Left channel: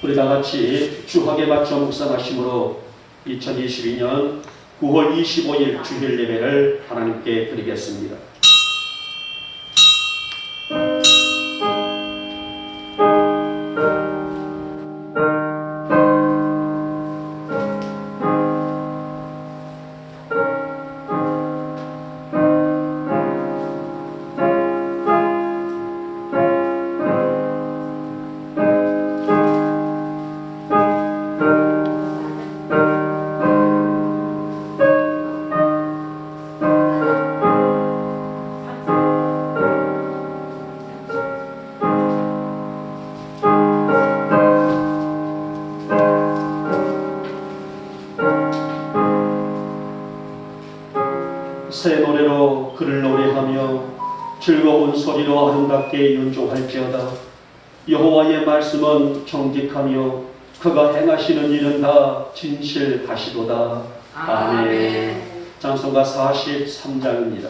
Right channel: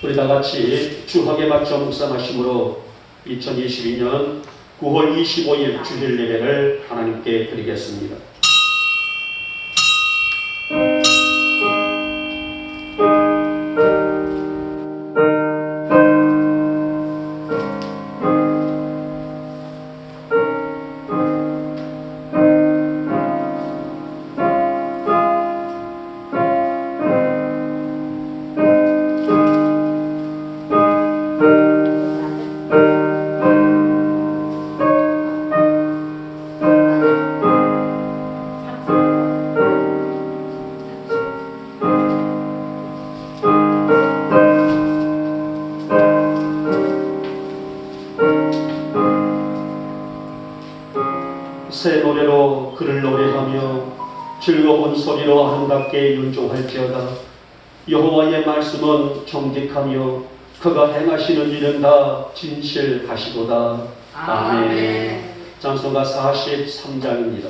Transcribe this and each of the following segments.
우리 다 같이 주학에 맞춰 묵상하심으로 2022년 9월 25일 주일 예배를 하나님께 드리겠습니다. 새 노래로 그를 노래하며 즐거운 소리로 아름답게 윤종할지어다. 여호와의 말씀은 정직하며 그가 행하시는 일은 다 진실하시도다. 아멘. 찬송가 43장입니다.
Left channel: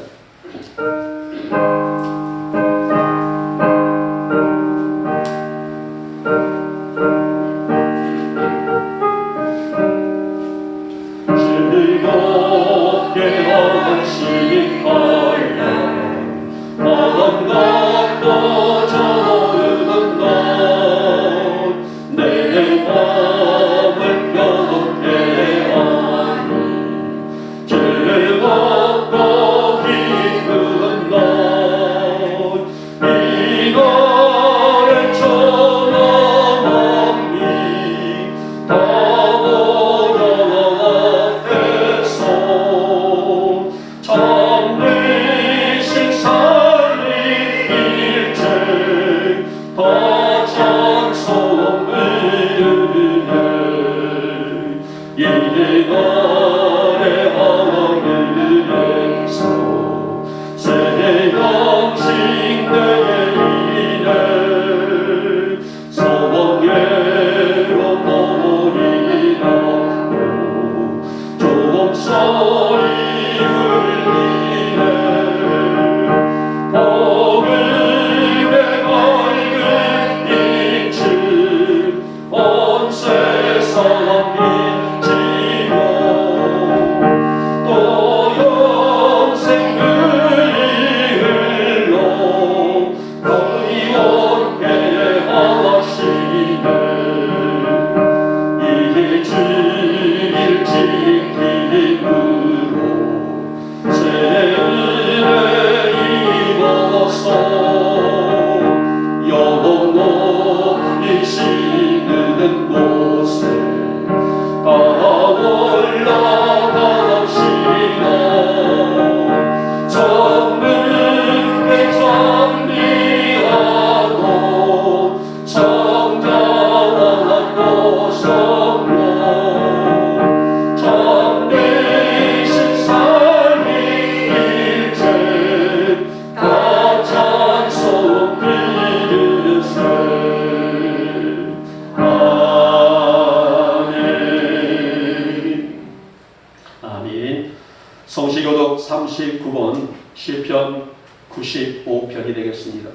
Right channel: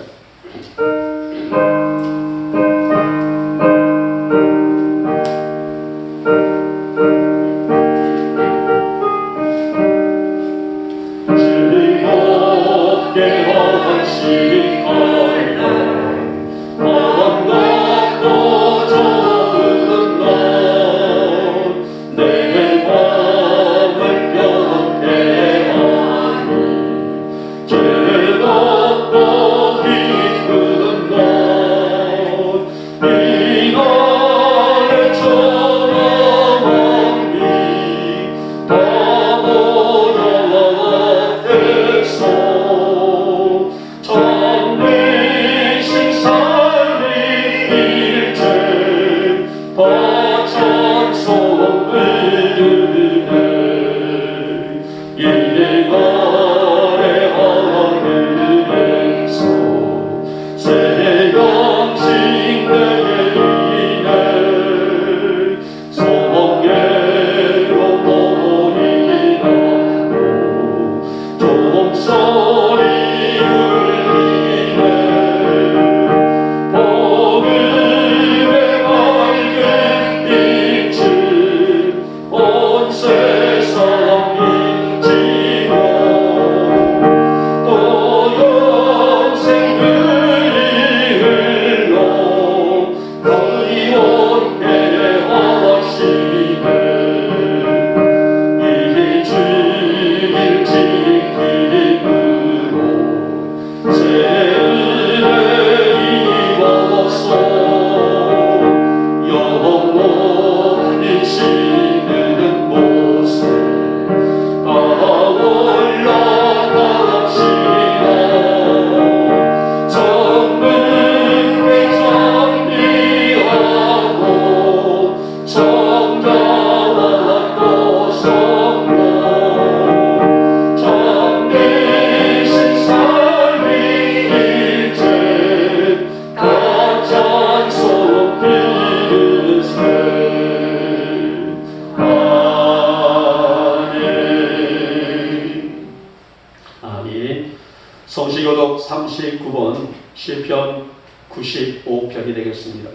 성시교독 39번 시편 95편이 되겠습니다.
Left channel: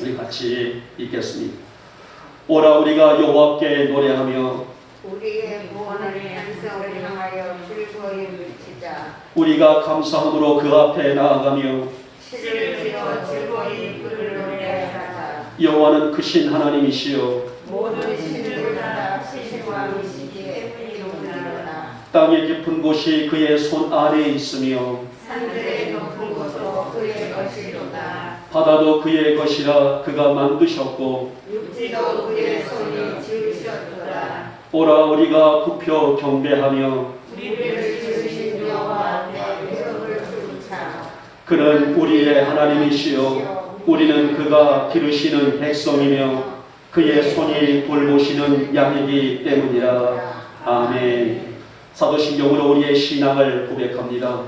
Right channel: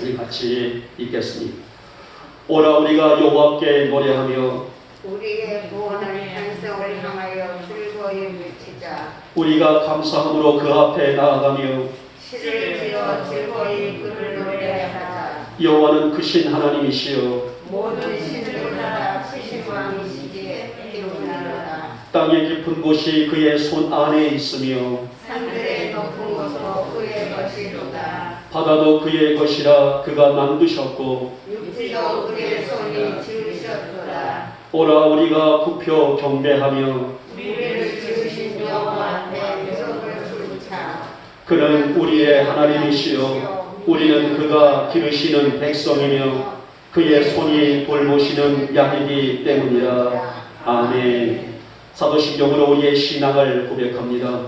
우리 같이 읽겠습니다. 오라 우리가 여호와께 노래하며 우리의 구원을 찬송을 향하여 즐거이 외치자. 우리가 감사함으로 그 앞에 나아가며 시를 지어 즐거이 그를 노래하자. 여호와는 크신 하나님이시요 모든 신을 다 크신 왕이시기에 이름하리로다. 땅의 깊은 곳이 그의 손 안에 있으며 산들의 높은 곳도 그의 것이로다. 바다도 그의 것이라 그가 만드셨고 육지도 그의 손이 지으셨도다. 오라 우리가 굽혀 경배하며 우리를 지으신 여호와 앞에 무릎을 꿇자. 그는 우리의 하나님이시요 우리는 그가 기르시는 백성이며 그의 손이 돌보시는 양이기 때문이라. 아멘. 사도신경으로 우리의 신앙을 고백합니다.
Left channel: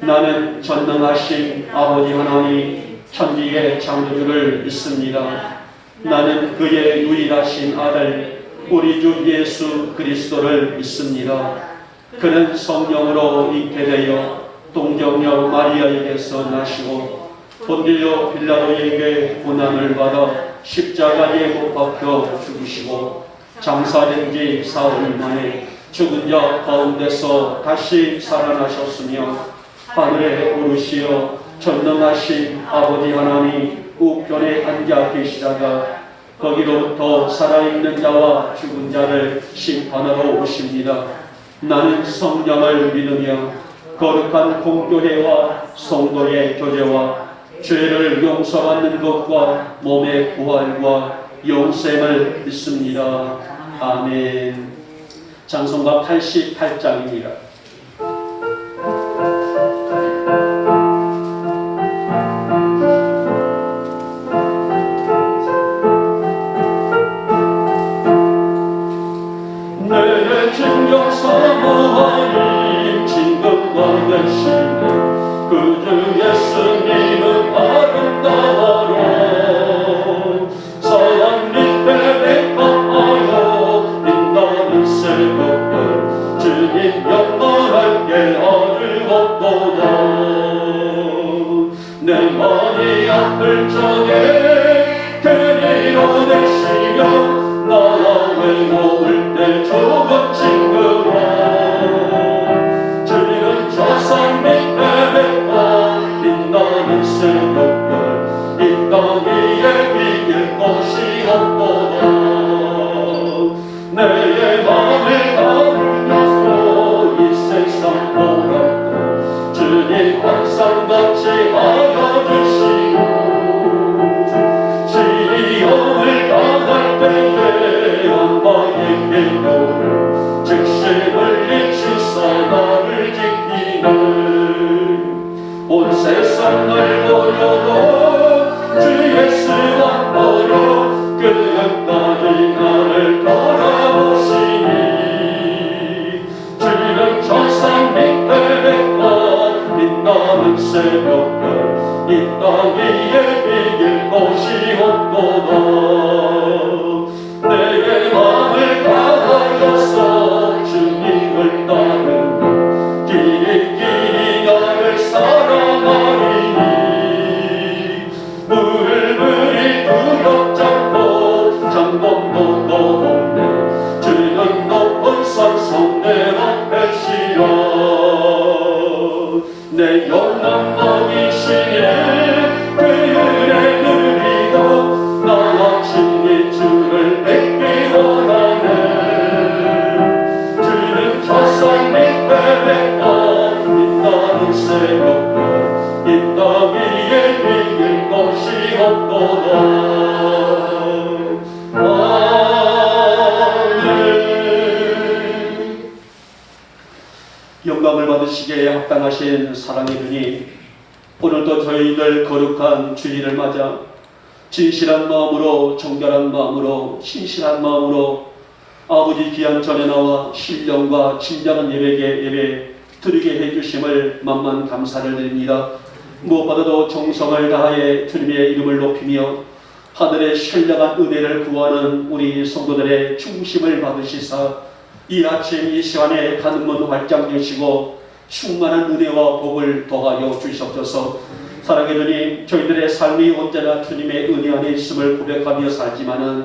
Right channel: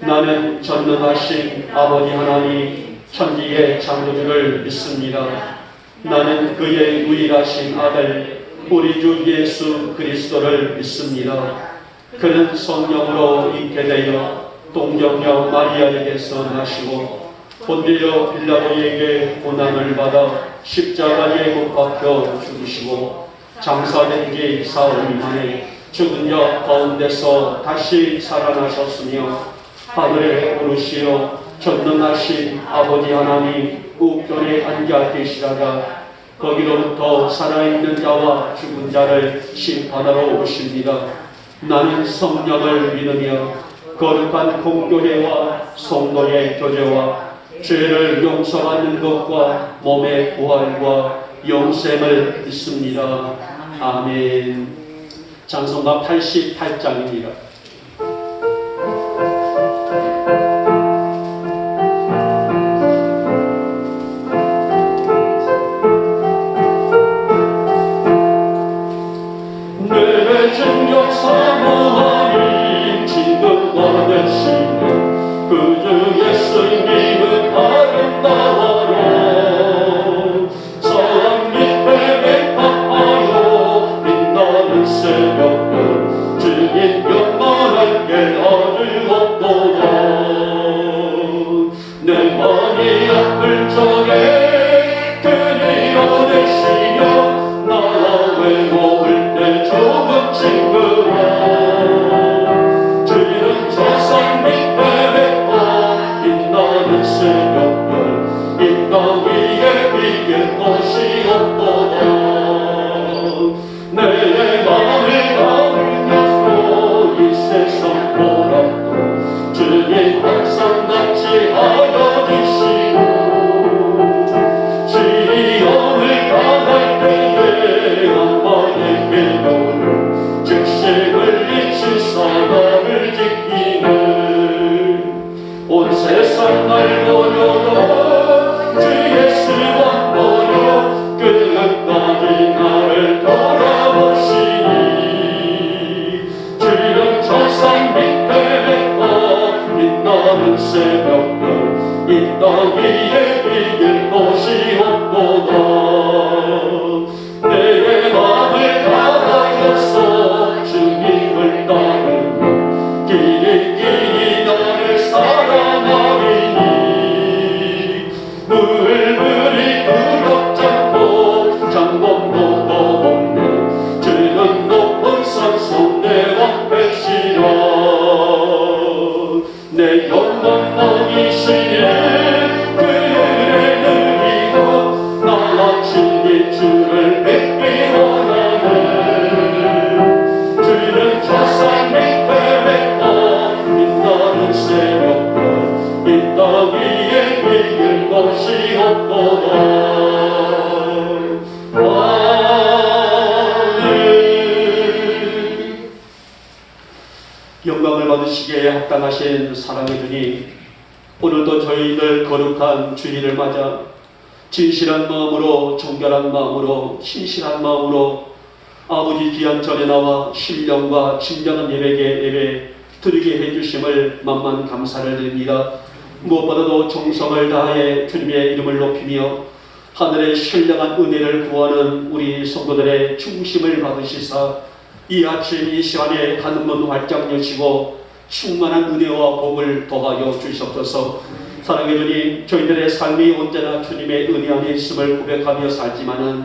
나는 전능하신 아버지 하나님 천지의 창조주를 믿습니다. 나는 그의 유일하신 아들 우리 주 예수 그리스도를 믿습니다. 그는 성령으로 잉태 되어 동정녀 마리아에게서 나시고 본디오 빌라도에게 고난을 받아 십자가에 못 박혀 죽으시고 장사된 지 사흘 만에 죽은 자 가운데서 다시 살아나셨으며 하늘에 오르시어 전능하신 아버지 하나님 우편에 앉아 계시다가 거기로부터 살아있는 자와 죽은 자를 심판하러 오십니다. 나는 성령을 믿으며 거룩한 공교회와 성도의 교제와 죄를 용서받는 것과 몸의 부활과 영생을 믿습니다. 아멘. 찬송가 88장입니다. 내 진정 사모하니 진급과 되시는 그 주 예수님은 아름다워라. 사랑 밑에 백합하여 빛나는 새벽별 주님 영광할게 아주 없도다. 내 많이 아플 적에 그리워 되시며 나와 외로울 때 조금 친구라. 주님은 저산 밑에 백합 빛나는 새벽별 이 땅 위에 비길 것이 없도다. 내 맘을 가르면서 이 세상 보라도 주님 항상 같이 알아주시고 시험을 당할 때에 엄마의 계도를 즉시를 잊히사 나를 지키네. 온 세상 날 버려도 주 예수만 버려 끝까지 나를 바라보시니 주는 저산 밑에 백합 빛나는 새벽별 이 땅 위에 비길 것이 없도다. 내 맘을 다하여서 주님을 따르니 길이 나를 사랑하리니 물물이 두렵지 않고 장동도 떠없네. 주는 높은 산성 내 앞에시여. 내 영광만이시네 그 은혜 누리고 나와 친히 주를 뵙기 원하네. 주는 저산 밑에 백합 빛나는 새벽별 이 땅 위에 비길 것이 없도다. 아멘. 영광을 받으시기에 합당하신 사랑의 주님, 오늘도 저희들 거룩한 주일을 맞아 진실한 마음으로 정결한 마음으로 신실한 마음으로 아버지 귀한 전에 나와 신령과 진정한 예배 드리게 해주심을 만만 감사를 드립니다. 무엇보다도 정성을 다하여 주님의 이름을 높이며 하늘의 신령한 은혜를 구하는 우리 성도들의 중심을 받으시사 이 아침 이 시간에 하늘문 활짝 여시고 충만한 은혜와 복을 더하여 주시옵소서. 사랑의 주님, 저희들의 삶이 언제나 주님의 은혜 안에 있음을 고백하며 살지만은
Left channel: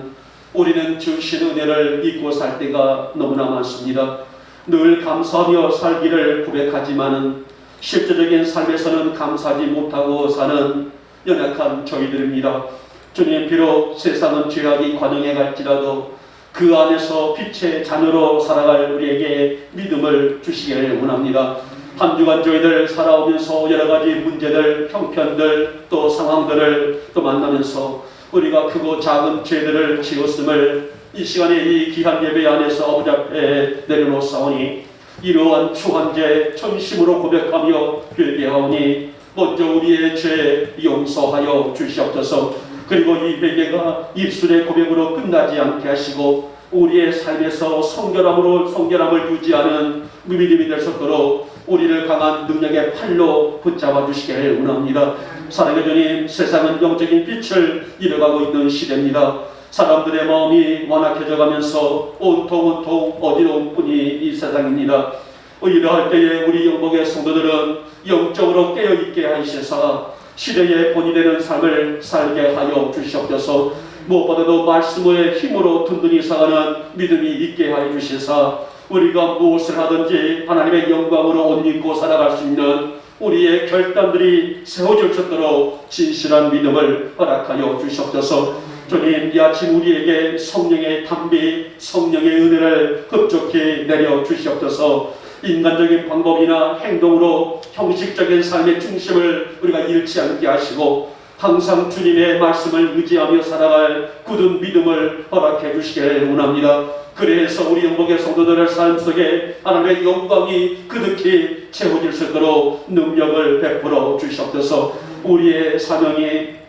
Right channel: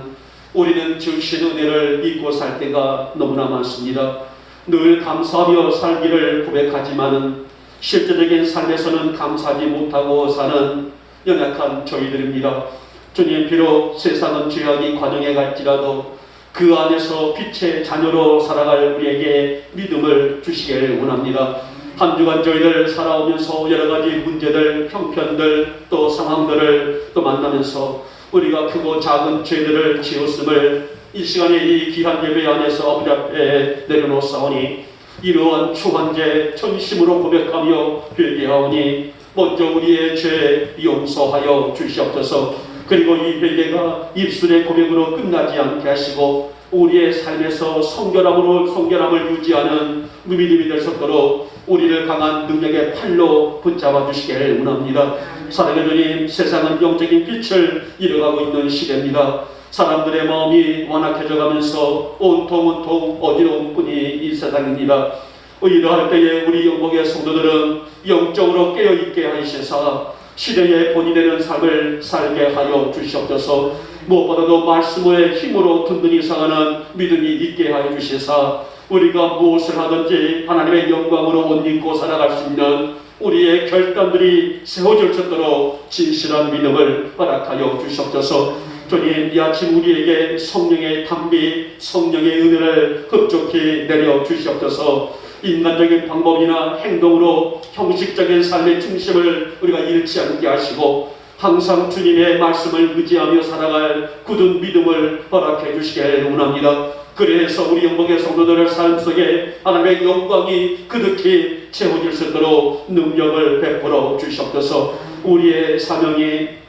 우리는 주신 은혜를 잊고 살 때가 너무나 많습니다. 늘 감사하며 살기를 고백하지만은 실제적인 삶에서는 감사하지 못하고 사는 연약한 저희들입니다. 주님, 비록 세상은 죄악이 관영해 갈지라도 그 안에서 빛의 자녀로 살아갈 우리에게 믿음을 주시기를 원합니다. 한 주간 저희들 살아오면서 여러 가지 문제들, 형편들, 또 상황들을 또 만나면서 우리가 크고 작은 죄들을 지었음을 이 시간에 이 귀한 예배 안에서 아버지 앞에 내려놓사오니 이러한 추한 죄 전심으로 고백하며 회개하오니 먼저 우리의 죄 용서하여 주시옵소서. 그리고 이 회개가 입술의 고백으로 끝나지 않게 하시고 우리의 삶에서 성결함을 유지하는 믿음이 될 수 있도록 우리를 강한 능력의 팔로 붙잡아 주시기를 원합니다. 사랑의 주님, 세상은 영적인 빛을 잃어가고 있는 시대입니다. 사람들의 마음이 완악해져 가면서 온통 어지러운 뿐이 이 세상입니다. 이러할 때에 우리 영복의 성도들은 영적으로 깨어있게 하시사 시대의 본이 되는 삶을 살게 하여 주시옵소서. 무엇보다도 말씀의 힘으로 든든히 살아가는 믿음이 있게 하여 주시사 우리가 무엇을 하든지 하나님의 영광으로 옷 입고 살아갈 수 있는 우리의 결단들이 세워질 수 있도록 진실한 믿음을 허락하여 주시옵소서. 주님, 이 아침 우리에게 성령의 담비, 성령의 은혜를 흡족히 내려 주시옵소서. 인간적인 방법이나 행동으로 형식적인 삶의 중심을 우리가 잃지 않게 하시고 항상 주님의 말씀을 의지하며 살아갈 굳은 믿음을 허락해 주시길 원합니다. 그래서 우리 영복의 성도들의 삶 속에 하나님의 영광이 그득히 채워질 수 있도록 능력을 베풀어 주시옵소서. 우리의 사명이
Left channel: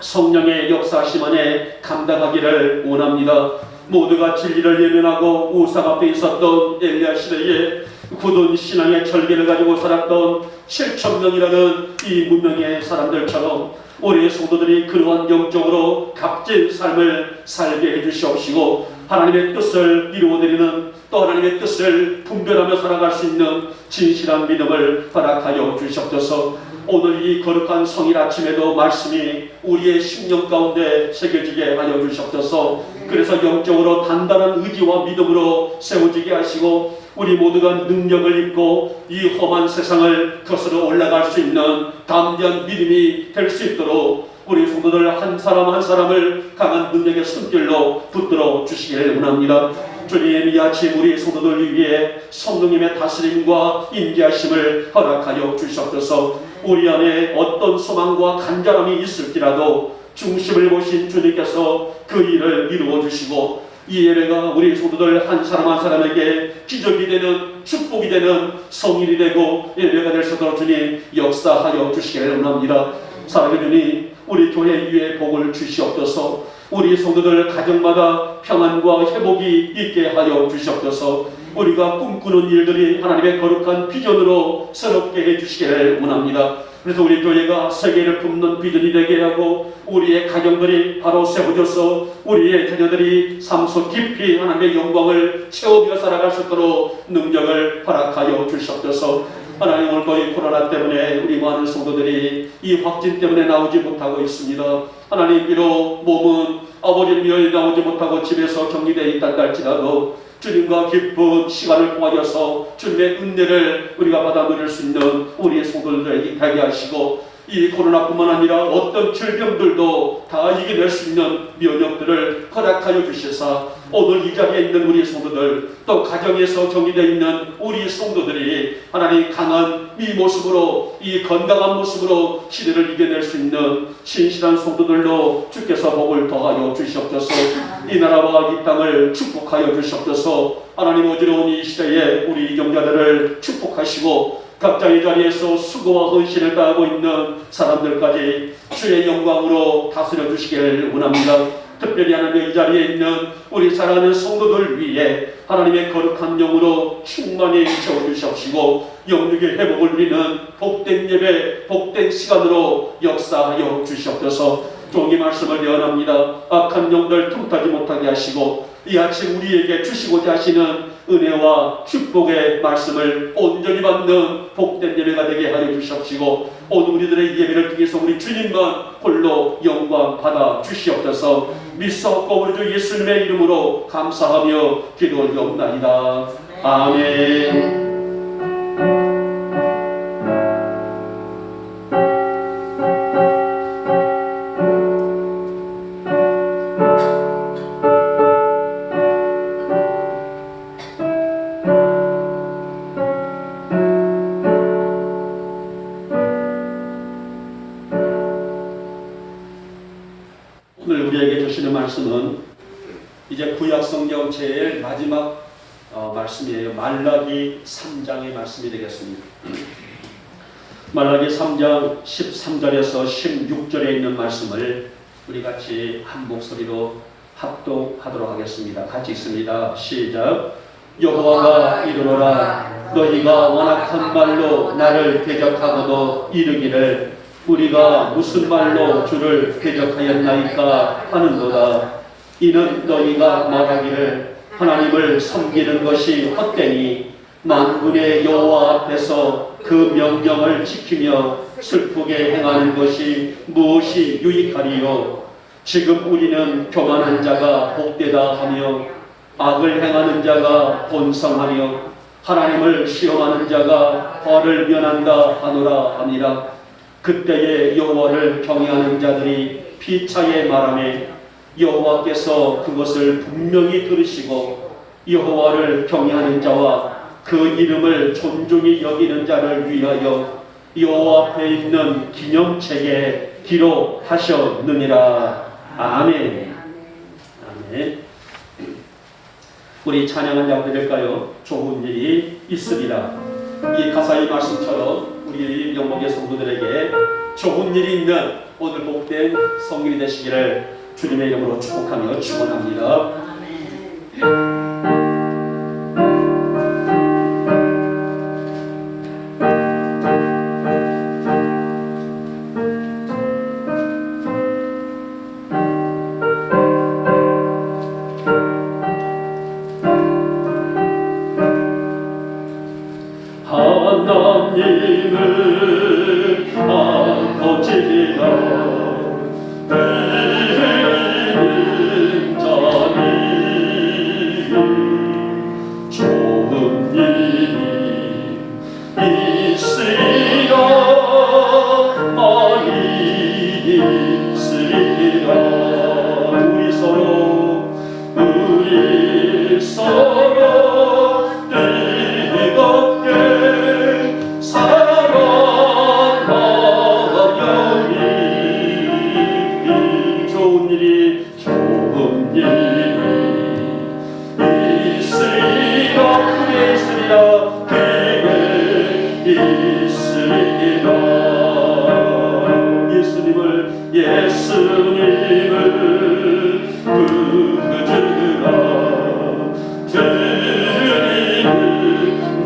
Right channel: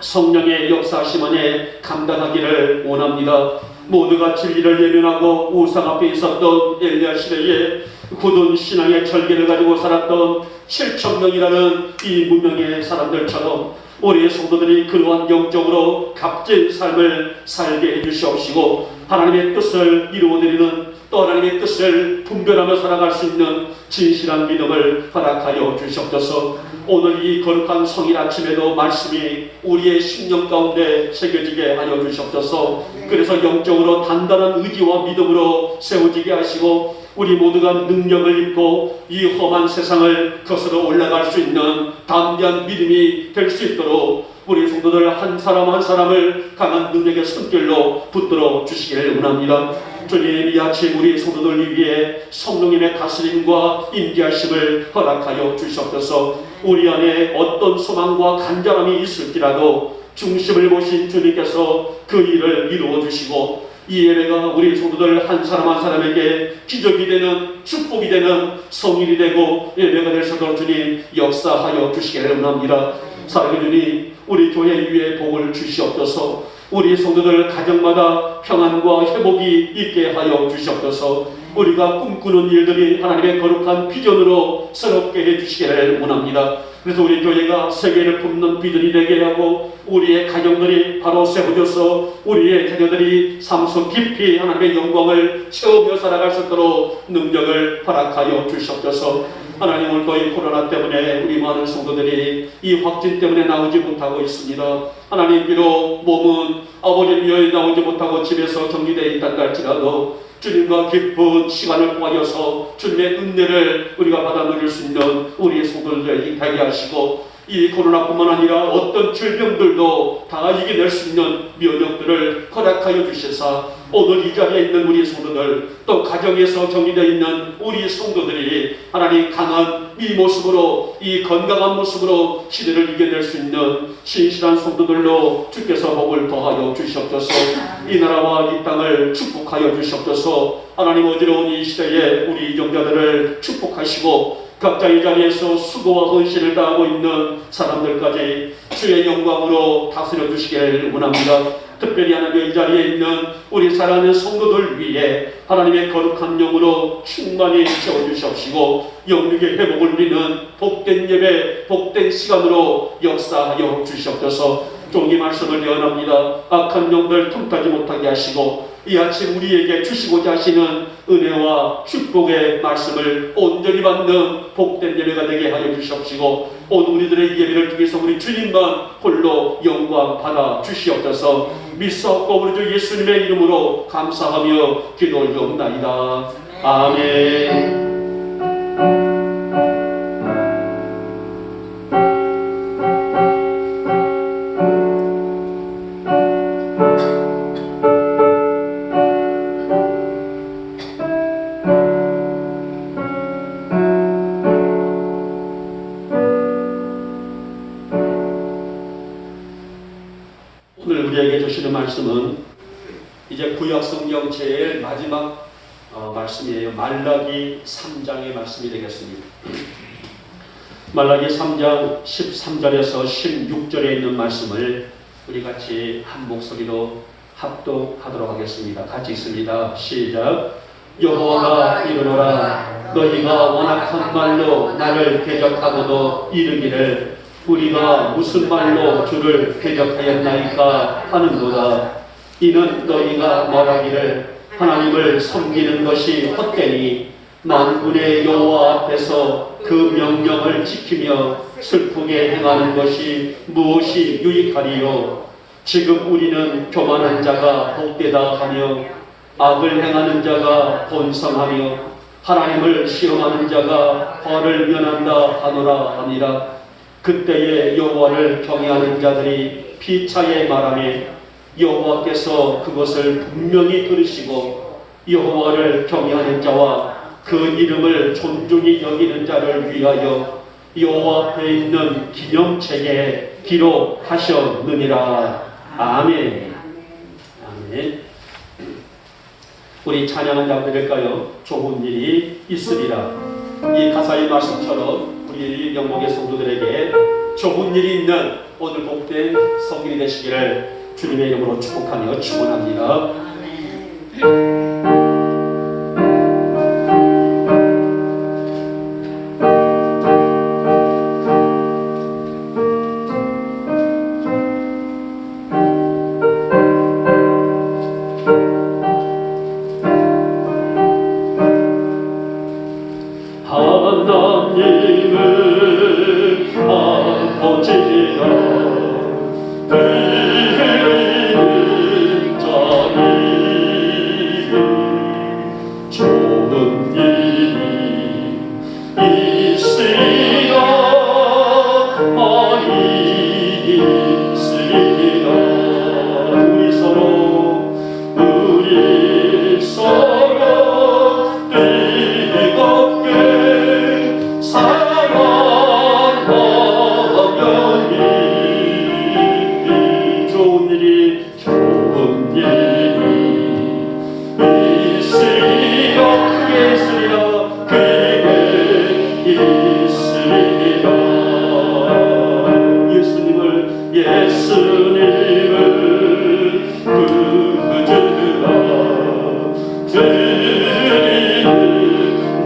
성령의 역사하심 안에 감당하기를 원합니다. 모두가 진리를 예면하고 우상 앞에 있었던 엘리야 시대에 굳은 신앙의 절개를 가지고 살았던 7,000명이라는 이 무명의 사람들처럼 우리의 성도들이 그러한 영적으로 값진 삶을 살게 해주시옵시고 하나님의 뜻을 이루어드리는 또 하나님의 뜻을 분별하며 살아갈 수 있는 진실한 믿음을 허락하여 주시옵소서. 오늘 이 거룩한 성일 아침에도 말씀이 우리의 심령 가운데 새겨지게 하여 주시옵소서. 그래서 영적으로 단단한 의지와 믿음으로 세워지게 하시고 우리 모두가 능력을 입고 이 험한 세상을 거스러 올라갈 수 있는 담대한 믿음이 될 수 있도록 우리 성도들 한 사람 한 사람을 강한 능력의 손길로 붙들어 주시기를 원합니다. 주님, 이 아침 우리 성도들 위해 성령님의 다스림과 인도하심을 허락하여 주시옵소서. 우리 안에 어떤 소망과 간절함이 있을지라도 중심을 보신 주님께서 그 일을 이루어 주시고 이 예배가 우리 성도들 한 사람 한 사람에게 기적이 되는 축복이 되는 성일이 되고 예배가 될 수 있도록 주님 역사하여 주시기를 원합니다. 사랑하는 주님, 우리 교회 위에 복을 주시옵소서. 우리 성도들 가정마다 평안과 회복이 있게 하여 주시옵소서. 우리가 꿈꾸는 일들이 하나님의 거룩한 비전으로 새롭게 해주시기를 원합니다. 그래서 우리 교회가 세계를 품는 비전이 되게 하고 우리의 가정들이 바로 세워져서 우리의 자녀들이 삶 속 깊이 하나님의 영광을 채우며 살아갈 수 있도록 능력을 허락하여 주시옵소서. 하나님, 오늘 거의 코로나 때문에 우리 많은 성도들이 이 확진 때문에 나오지 못하고 있습니다. 하나님, 비록 몸은 아버지를 위해 나오지 못하고 집에서 격리되어 있다고 할지라도 주님과 깊은 시간을 보내서 주님의 은혜를 우리가 받아 누릴 수 있는 우리의 성도들에게 되게 하시고 이 코로나뿐만 아니라 어떤 질병들도 다 이겨낼 수 있는 면역들을 허락하여 주셔서 오늘 이 자리에 있는 우리 성도들 또 가정에서 격리되어 있는 우리 성도들이 하나님 강한 이 모습으로 이 건강한 모습으로 시대를 이겨낼 수 있는 신실한 성도들로 주께서 복을 더하여 주시옵소서. 이 나라와 이 땅을 축복하여 주시옵소서. 하나님, 어지러운 이 시대에 우리 이정자들을 축복하시고 각자의 자리에서 수고와 헌신을 다하고 있는 사람들까지 주의 영광으로 다스려 주시길 원합니다. 특별히 하나님, 이 자리에 있는 우리 사랑하는 성도들 위해 하나님의 거룩한 영으로 충만히 채워주시옵시고 영육의 회복을 누리는 복된 예배, 복된 시간으로 역사하여 주시옵소서. 종이 말씀을 예언합니다. 악한 영들 틈타지 못하게 하시고 이 아침 우리에게 주시고자 하시는 은혜와 축복의 말씀을 온전히 받는 복된 예배가 되게 하여 주시옵시고 오늘 우리들의 예배를 통해서 우리 주님만 홀로 영광 받아 주시옵소서. 믿사옵고 우리 주 예수님의 이름으로 감사하며 기도드리옵나이다. 아멘. 오늘 우리에게 주시는 말씀은 이제 구약성경 제일 마지막 말씀이에요. 말라기 3장의 말씀이 되겠습니다. 말라기 3장 13절에서 16절에 있는 말씀을 우리 같이 한 목소리로 합독하도록 하겠습니다. 같이 읽습니다. 시작. 여호와가 이르노라. 너희가 완악한 말로 나를 대적하고도 이르기를 우리가 무슨 말로 주를 대적하였나이까 하는도다. 이는 너희가 말하기를 하나님을 섬기는 것이 헛되니 만군의 여호와 앞에서 그 명령을 지키며 슬프게 행하는 것이 무엇이 유익하리요. 지금 우리는 교만한 자가 복되다 하며 악을 행하는 자가 본성하며 하나님을 시험하는 자가 벌을 면한다 하노라 하니라. 그때에 여호와를 경외하는 자들이 피차에 말하매 여호와께서 그것을 분명히 들으시고 여호와를 경외하는 자와 그 이름을 존중히 여기는 자를 위하여 여호와 앞에 있는 기념책에 기록하셨느니라. 아멘. 아멘. 우리 찬양한 자 드릴까요? 좋은 일이 있으리라. 이 가사의 말씀처럼 우리 영목의 성도들에게 좋은 일이 있는 오늘 복된 성일이 되시기를 주님의 이름으로 축복하며 축원합니다. 하나님을 아버지라 드리는 자니 좋은 일이 있으리라 많이 있으리라. 우리 서로 뜨겁게 좋은 일이 있으리라. 크게 있으리라. 크게 있으리라. 예수님을 부르라. 드리는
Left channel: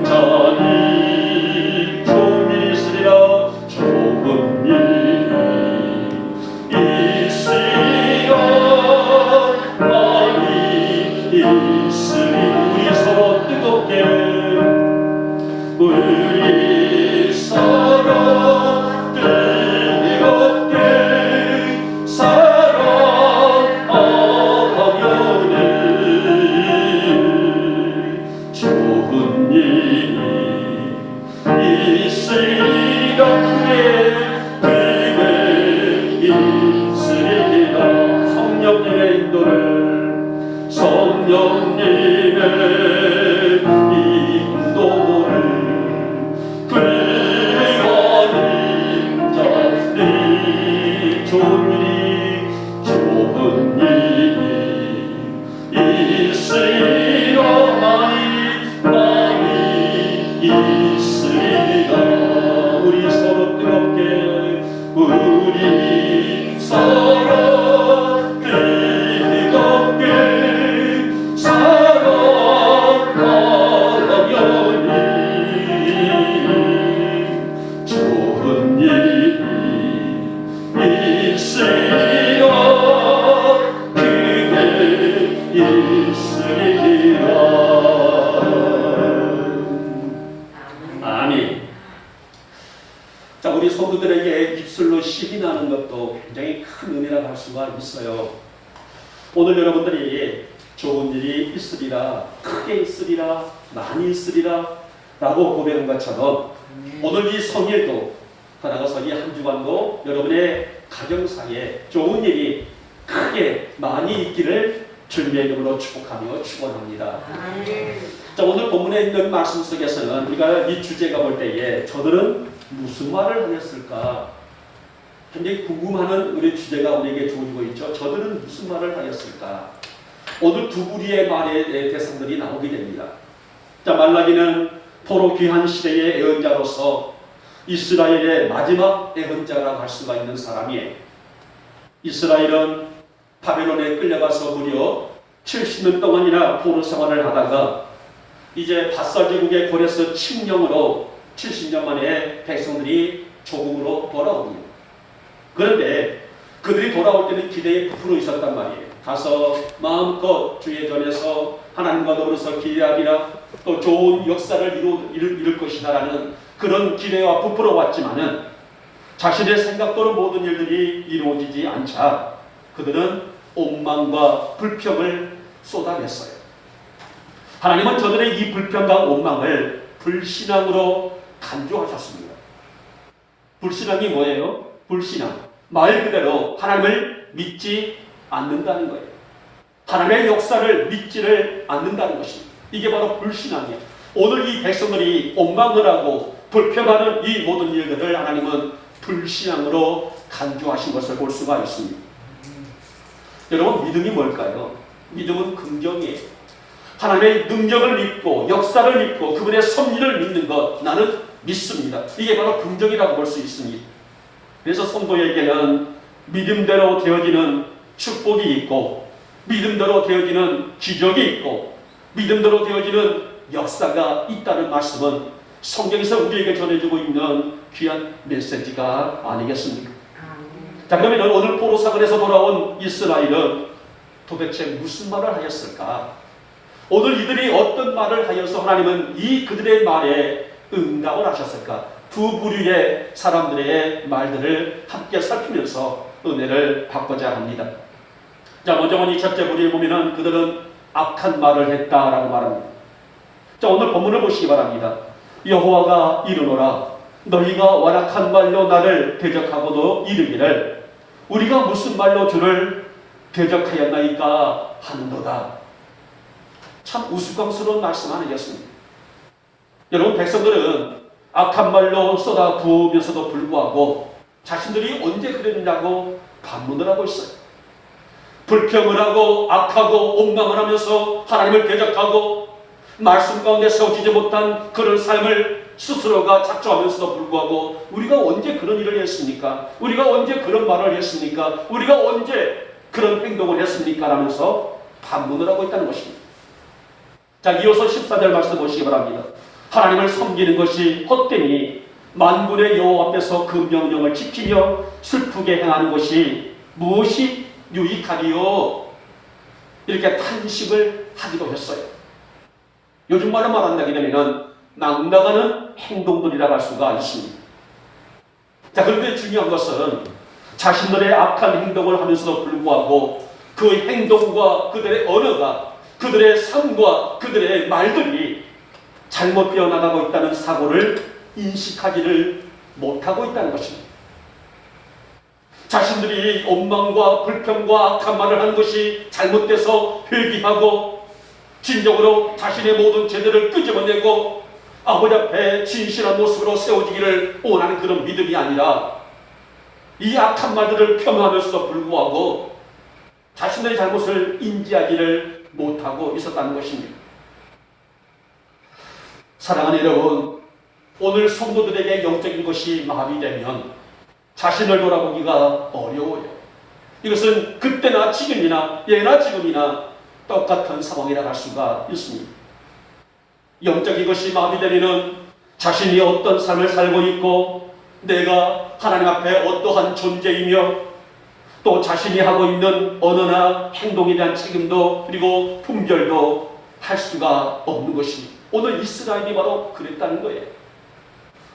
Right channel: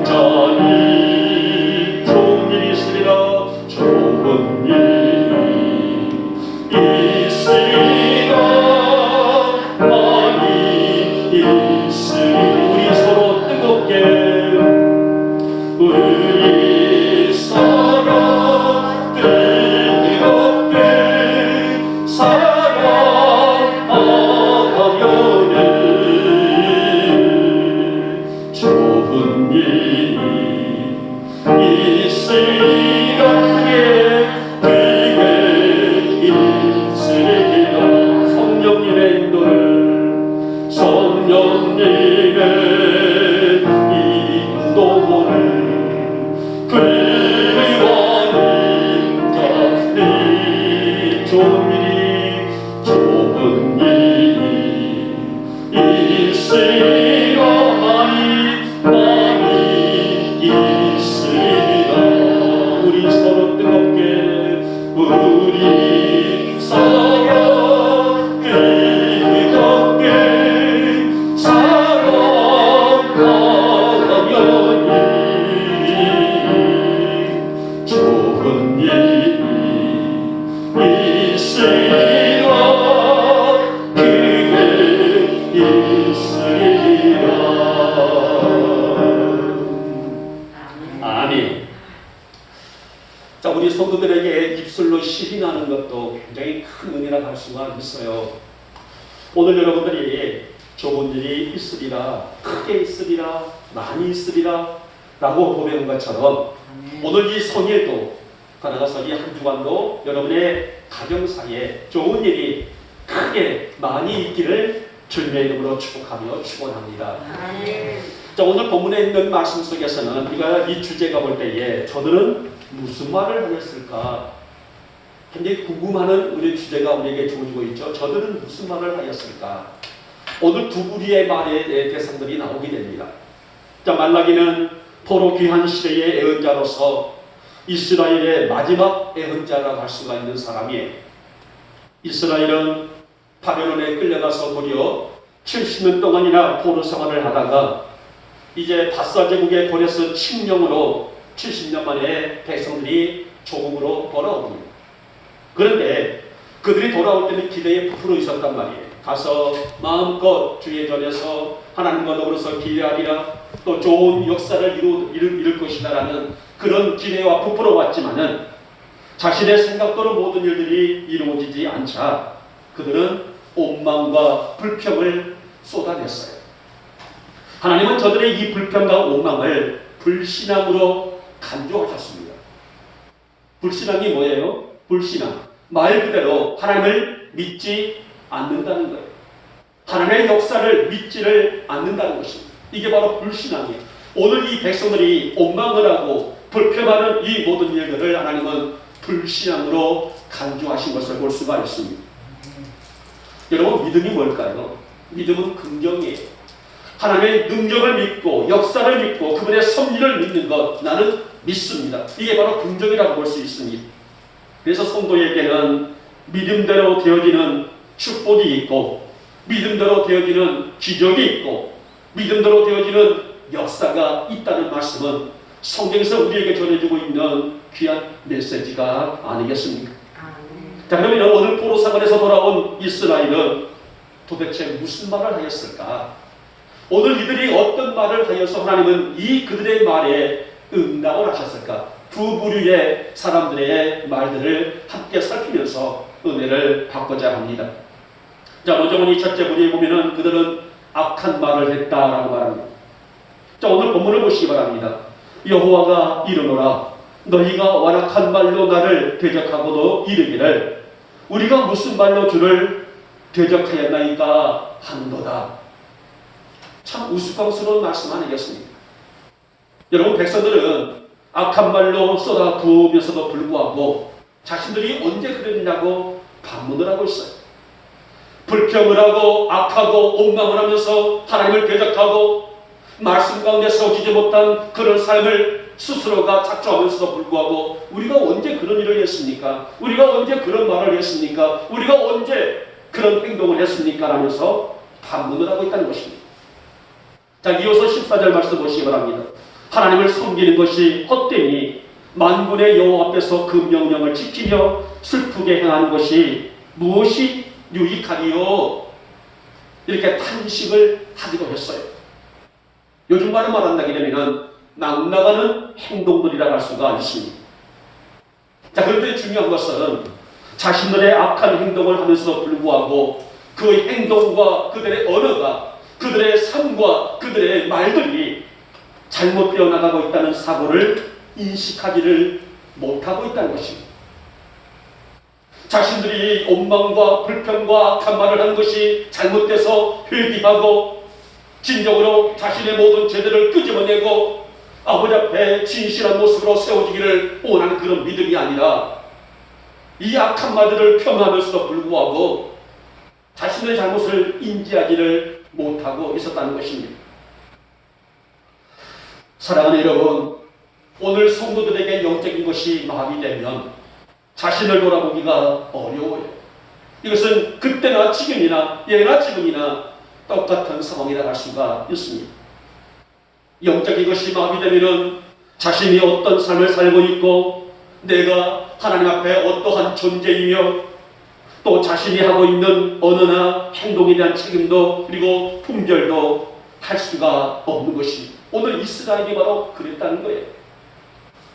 자니 좋은 일이 있으리라. 좋은 일이 있으리라. 많이 있으리라. 우리 서로 뜨겁게 사랑하려니 좋은 일이 있으리라. 크게 있으리라. 성령님의 인도를 구원인 자들 좋은 일이 있으리라. 많이 있으리라. 우리 서로 뜨겁게 좋은 일이 있으리라. 크게 있으리라. 아멘. 자, 우리 성도들에게 입술로 시인하는 것도 굉장히 큰 은혜라고 할 수가 있어요. 오늘 여러분들이 좋은 일이 있으리라, 크게 있으리라, 많이 있으리라 라고 고백한 것처럼 오늘 이 성일도 따라가서 이 한 주간도 여러분의 가정 사이에 좋은 일이 크게 많이 있기를 주님의 이름으로 축복하며 축원합니다. 자, 오늘 본문에 있는 말씀 속에서는 우리가 이 주제가 볼 때에 저들은 무슨 말을 하였을까? 굉장히 궁금하는 우리 주제가 우리에게 주어지고 있죠. 저들은 무슨 말을 하였을까? 오늘 두 부류의 말의 대상들이 나오게 됩니다. 자, 말라기는 포로 귀한 시대의 예언자로서 이스라엘의 마지막 예언자라고 할 수가 있는 사람이에요. 이스라엘은 바벨론에 끌려가서 무려 70년 동안이나 포로 생활을 하다가 이제 바사제국의 고레스 칙령으로 70년 만에 백성들이 조국으로 돌아옵니다. 그런데 그들이 돌아올 때는 기대에 부풀어 있었단 말이에요. 가서 마음껏 주의 전에서 하나님과 더불어서 기대하리라, 또 좋은 역사를 이룰 것이다라는 그런 기대와 부풀어 왔지만은 자신의 생각대로 모든 일들이 이루어지지 않자 그들은 원망과 불평을 쏟아냈어요. 하나님은 저들의 이 불평과 원망을 불신앙으로 간주하셨습니다. 불신앙이 뭐예요? 불신앙. 말 그대로 하나님을 믿지 않는다는 거예요. 하나님의 역사를 믿지를 않는다는 것입니다. 이게 바로 불신앙이에요. 오늘 이 백성들이 원망을 하고 불평하는 이 모든 일들을 하나님은 불신앙으로 간주하신 것을 볼 수가 있습니다. 여러분, 믿음이 뭘까요? 믿음은 긍정이에요. 하나님의 능력을 믿고 역사를 믿고 그분의 섭리를 믿는 것, 나는 믿습니다. 이게 바로 긍정이라고 볼 수 있습니다. 그래서 성도에게는 믿음대로 되어지는 축복이 있고 믿음대로 되어지는 기적이 있고 믿음대로 되어지는 역사가 있다는 말씀은 성경에서 우리에게 전해주고 있는 귀한 메시지가 아니겠습니까? 자, 그러면 오늘 포로사관에서 돌아온 이스라엘은 도대체 무슨 말을 하였을까? 오늘 이들이 어떤 말을 하여서 하나님은 이 그들의 말에 응답을 하셨을까? 두 부류의 사람들의 말들을 함께 살피면서 은혜를 받고자 합니다. 자, 먼저 이 첫째 부류에 보면은 그들은 악한 말을 했다라고 말합니다. 자, 오늘 본문을 보시기 바랍니다. 여호와가 이르노라 너희가 완악한 말로 나를 대적하고도 이르기를 우리가 무슨 말로 주를 대적하였나이까 하는도다. 참 우스꽝스러운 말씀 아니겠습니까? 여러분, 백성들은 악한 말로 쏟아 부으면서도 불구하고 자신들이 언제 그랬냐고 반문을 하고 있어요. 불평을 하고 악하고 원망을 하면서 하나님을 대적하고 말씀 가운데 세워지지 못한 그런 삶을 스스로가 작정하면서도 불구하고 우리가 언제 그런 일을 했습니까? 우리가 언제 그런 말을 했습니까? 우리가 언제 그런 행동을 했습니까? 라면서 반문을 하고 있다는 것입니다. 자, 이어서 14절 말씀 보시기 바랍니다. 하나님을 섬기는 것이 헛되니 만군의 여호와 앞에서 그 명령을 지키며 슬프게 행하는 것이 무엇이 유익하리요? 이렇게 탄식을 하기도 했어요. 요즘 말로 말한다게 되면 낭나가는 행동들이라고 할 수가 있습니다. 자, 그런데 중요한 것은 자신들의 악한 행동을 하면서도 불구하고 그 행동과 그들의 언어가 그들의 삶과 그들의 말들이 잘못되어 나가고 있다는 사고를 인식하지를 못하고 있다는 것입니다. 자신들이 원망과 불평과 악한 말을 하는 것이 잘못돼서 회개하고 진정으로 자신의 모든 죄들을 끄집어내고 아버지 앞에 진실한 모습으로 세워지기를 원하는 그런 믿음이 아니라 이 악한 말들을 폄하하면서도 불구하고 자신의 잘못을 인지하지를 못하고 있었다는 것입니다. 사랑하는 여러분, 오늘 성도들에게 영적인 것이 마비되면 자신을 돌아보기가 어려워요. 이것은 그때나 지금이나 예나 지금이나 똑같은 상황이라 할 수가 있습니다. 영적인 것이 마비되면 자신이 어떤 삶을 살고 있고 내가 하나님 앞에 어떠한 존재이며 또 자신이 하고 있는 언어나 행동에 대한 책임도 그리고 분별도 할 수가 없는 것입니다. 오늘 이스라엘이 바로 그랬다는 거예요.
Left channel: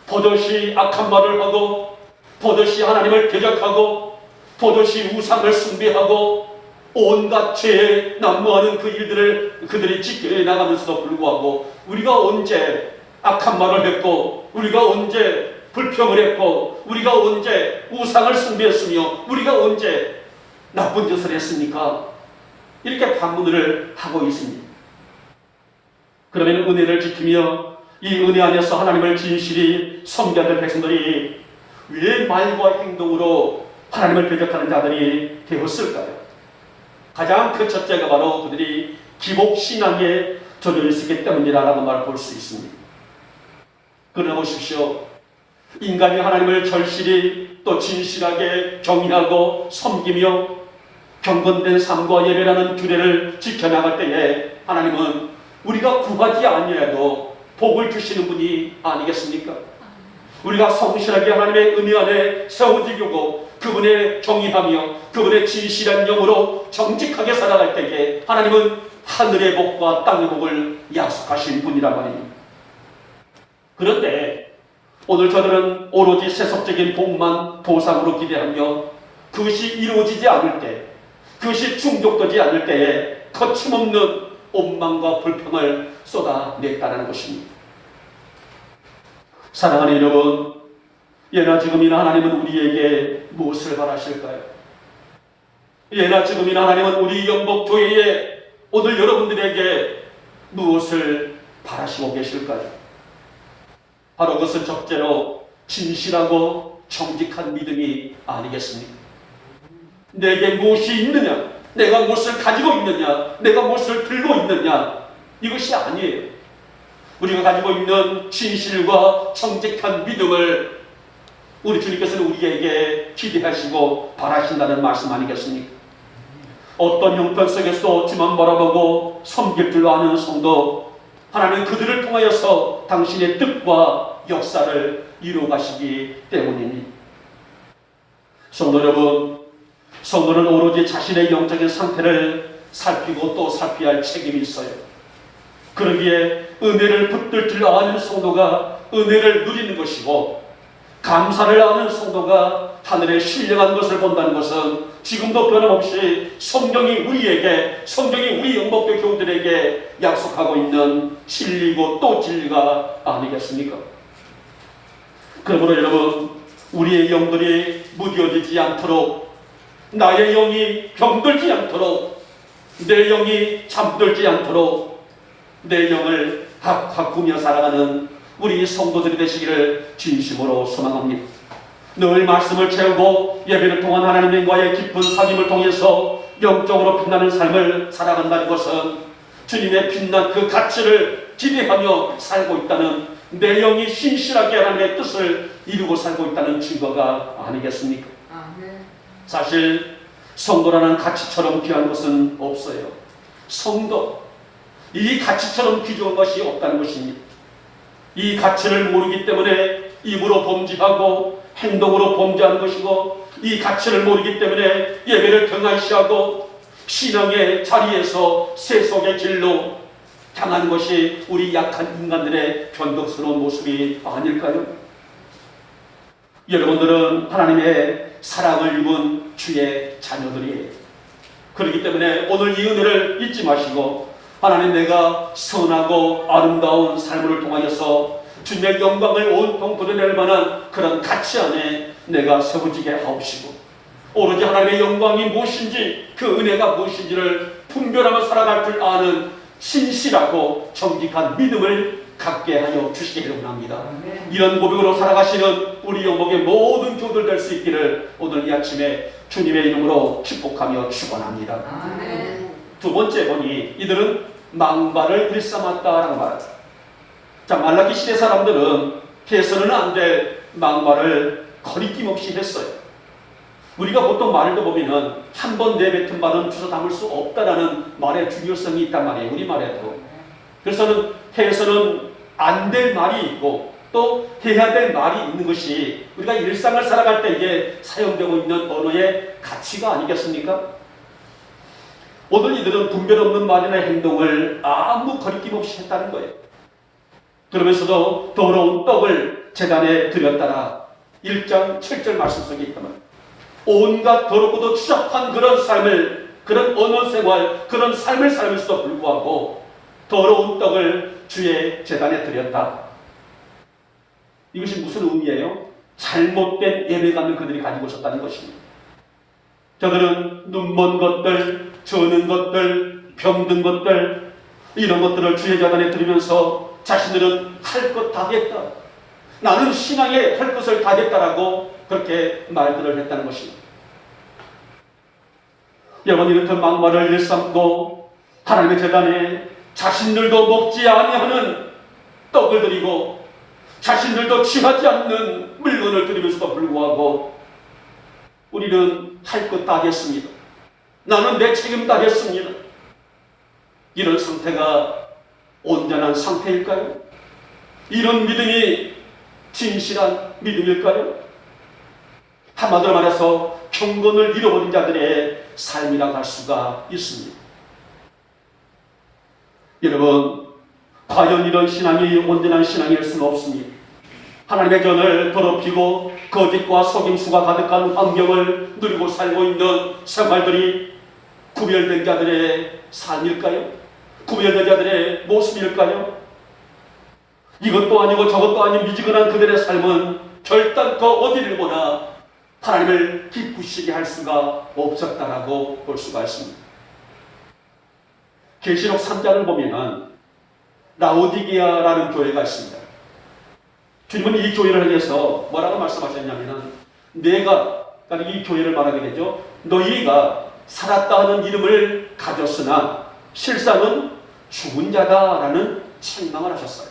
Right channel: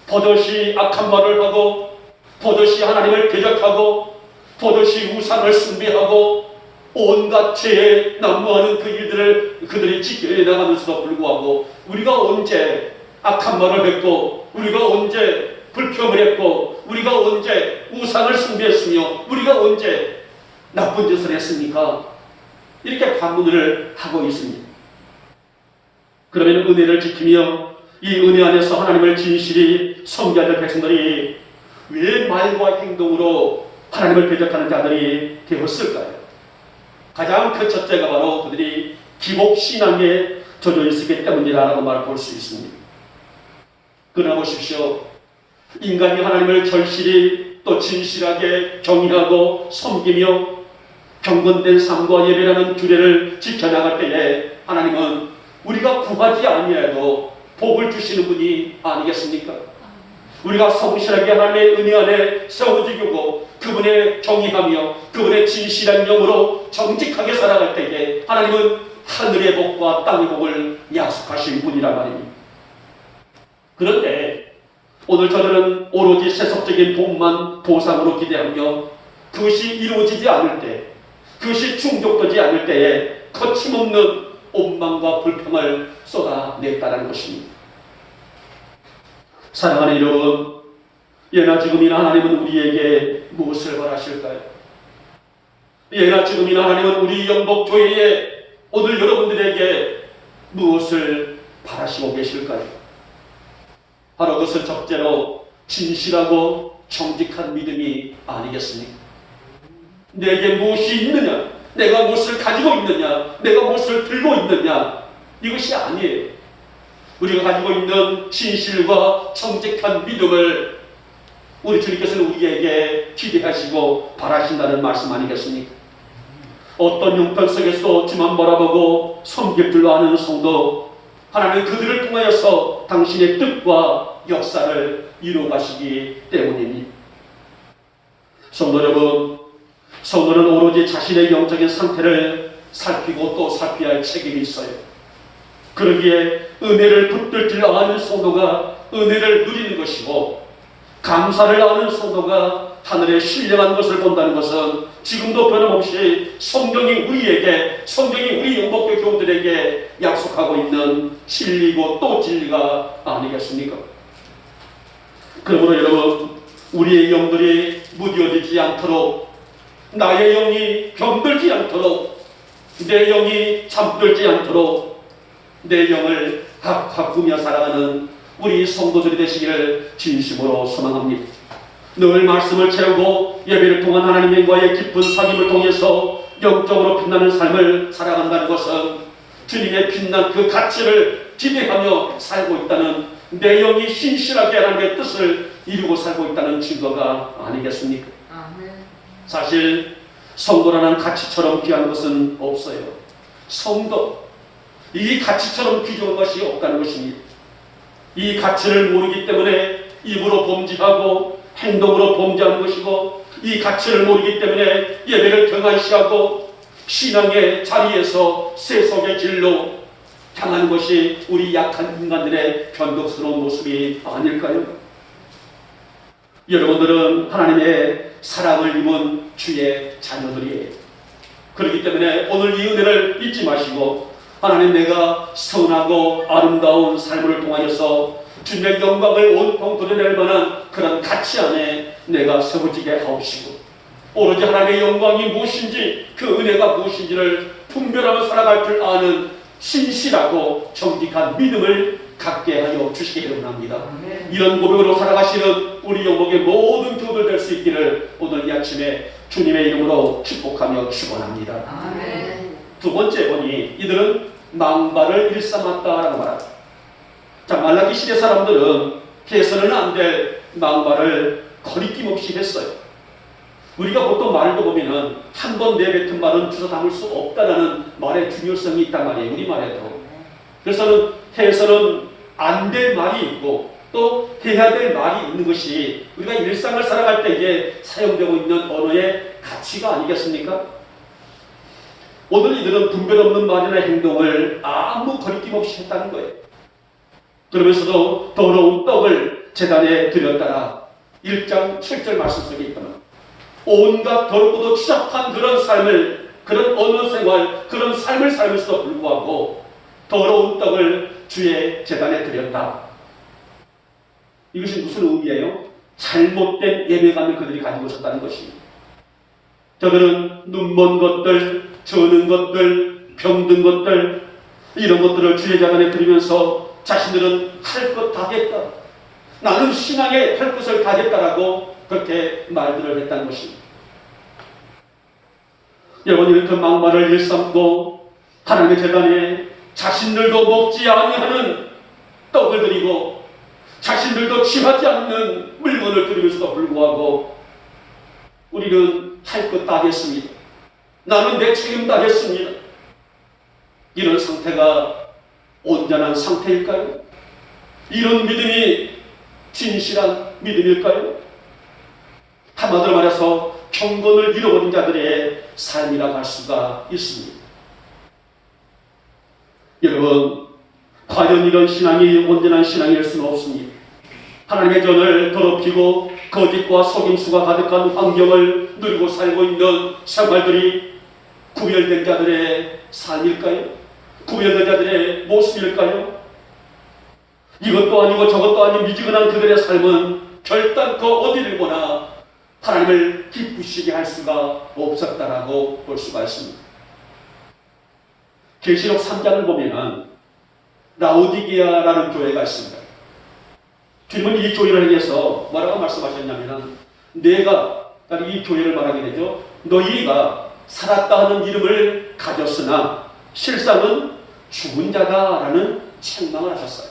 버젓이 악한 말을 하고 버젓이 하나님을 대적하고 버젓이 우상을 숭배하고 온갖 죄에 난무하는 그 일들을 그들이 지켜내 나가면서도 불구하고 우리가 언제 악한 말을 했고 우리가 언제 불평을 했고 우리가 언제 우상을 숭배했으며 우리가 언제 나쁜 짓을 했습니까? 이렇게 반문을 하고 있습니다. 그러면 은혜를 지키며 이 은혜 안에서 하나님을 진실히 섬겨야 될 백성들이 왜 말과 행동으로 하나님을 대적하는 자들이 되었을까요? 가장 그 첫째가 바로 그들이 기복신앙에 젖어 있었기 때문이라는 말을 볼 수 있습니다. 그러나 보십시오. 인간이 하나님을 절실히 또 진실하게 경외하고 섬기며 경건된 삶과 예배라는 규례를 지켜나갈 때에 하나님은 우리가 구하지 아니해도 복을 주시는 분이 아니겠습니까? 우리가 성실하게 하나님의 은혜 안에 세워지고 그분의 경외하며 그분의 진실한 영으로 정직하게 살아갈 때에 하나님은 하늘의 복과 땅의 복을 약속하신 분이라 말입니다. 그런데 오늘 저들은 오로지 세속적인 복만 보상으로 기대하며 그것이 이루어지지 않을 때 그것이 충족되지 않을 때에 거침없는 원망과 불평을 쏟아냈다는 것입니다. 사랑하는 여러분, 예나 지금이나 하나님은 우리에게 무엇을 바라실까요? 예나 지금이나 하나님은 우리 영복교회에 오늘 여러분들에게 무엇을 바라시고 계실까요? 바로 그것은 첫째로 진실하고 정직한 믿음이 아니겠습니까? 내게 무엇이 있느냐, 내가 무엇을 가지고 있느냐, 내가 무엇을 들고 있느냐, 이것이 아니에요. 우리가 가지고 있는 진실과 정직한 믿음을 우리 주님께서는 우리에게 기대하시고 바라신다는 말씀 아니겠습니까? 어떤 형편 속에서 주만 바라보고 섬길 줄 아는 성도, 하나님은 그들을 통하여서 당신의 뜻과 역사를 이루어가시기 때문입니다. 성도 여러분, 성도는 오로지 자신의 영적인 상태를 살피고 또 살펴야 할 책임이 있어요. 그러기에 은혜를 붙들 줄 아는 성도가 은혜를 누리는 것이고, 감사를 아는 성도가 하늘의 신령한 것을 본다는 것은 지금도 변함없이 성경이 우리 영복교 교우들에게 약속하고 있는 진리고 또 진리가 아니겠습니까? 그러므로 여러분, 우리의 영들이 무뎌지지 않도록, 나의 영이 병들지 않도록, 내 영이 잠들지 않도록 내 영을 가꾸며 살아가는 우리 성도들이 되시기를 진심으로 소망합니다. 늘 말씀을 채우고 예배를 통한 하나님과의 깊은 사귐을 통해서 영적으로 빛나는 삶을 살아간다는 것은 주님의 빛난 그 가치를 기대하며 살고 있다는, 내 영이 신실하게 하나님의 뜻을 이루고 살고 있다는 증거가 아니겠습니까? 사실 성도라는 가치처럼 귀한 것은 없어요. 성도, 이 가치처럼 귀중한 것이 없다는 것입니다. 이 가치를 모르기 때문에 입으로 범죄하고 행동으로 범죄하는 것이고, 이 가치를 모르기 때문에 예배를 등한시하고 신앙의 자리에서 세속의 길로 향하는 것이 우리 약한 인간들의 변덕스러운 모습이 아닐까요? 여러분들은 하나님의 사랑을 입은 주의 자녀들이에요. 그렇기 때문에 오늘 이 은혜를 잊지 마시고, 하나님, 내가 선하고 아름다운 삶을 통하여서 주님의 영광을 온통 드러낼 만한 그런 가치 안에 내가 세워지게 하옵시고, 오로지 하나님의 영광이 무엇인지, 그 은혜가 무엇인지를 분별하며 살아갈 줄 아는 신실하고 정직한 믿음을 갖게 하여 주시기를 원합니다. 이런 고백으로 살아가시는 우리 영목의 모든 교우들 될 수 있기를 오늘 이 아침에 주님의 이름으로 축복하며 축원합니다. 두 번째 보니 이들은 망발을 일삼았다라고 말합니다. 자, 말라기 시대 사람들은 해서는 안 될 망발을 거리낌 없이 했어요. 우리가 보통 말을 보면은 한 번 내뱉은 말은 주워 담을 수 없다라는 말의 중요성이 있단 말이에요. 우리말에도. 그래서는 해서는 안 될 말이 있고 또 해야 될 말이 있는 것이 우리가 일상을 살아갈 때 이게 사용되고 있는 언어의 가치가 아니겠습니까? 오늘 이들은 분별 없는 말이나 행동을 아무 거리낌 없이 했다는 거예요. 그러면서도 더러운 떡을 제단에 드렸다라 1장 7절 말씀 속에 있거든. 온갖 더럽고도 추잡한 그런 삶을, 그런 언어 생활, 그런 삶을 살면서도 불구하고 더러운 떡을 주의 제단에 드렸다. 이것이 무슨 의미예요? 잘못된 예배감을 그들이 가지고 있었다는 것입니다. 저들은 눈먼 것들, 저는 것들, 병든 것들, 이런 것들을 주의 제단에 드리면서 자신들은 할 것 다 했다. 나는 신앙에 할 것을 다 했다라고 그렇게 말들을 했다는 것입니다. 여러분, 이렇게 막말을 일삼고 하나님의 제단에 자신들도 먹지 아니하는 떡을 드리고 자신들도 취하지 않는 물건을 드리면서도 불구하고 우리는 할 것 다 했습니다. 나는 내 책임 다 했습니다. 이런 상태가 온전한 상태일까요? 이런 믿음이 진실한 믿음일까요? 한마디로 말해서 경건을 잃어버린 자들의 삶이라고 할 수가 있습니다. 여러분, 과연 이런 신앙이 온전한 신앙일 수는 없습니다. 하나님의 전을 더럽히고 거짓과 속임수가 가득한 환경을 누리고 살고 있는 생활들이 구별된 자들의 삶일까요? 구별된 자들의 모습일까요? 이것도 아니고 저것도 아닌 미지근한 그들의 삶은 결단코 어디를 보나 하나님을 기쁘시게 할 수가 없었다라고 볼 수가 있습니다. 계시록 3장을 보면은 라오디게아라는 교회가 있습니다. 주님은 이 교회를 위해서 뭐라고 말씀하셨냐면은 내가, 이 교회를 말하게 되죠. 너희가 살았다 하는 이름을 가졌으나 실상은 죽은 자다라는 책망을 하셨어요.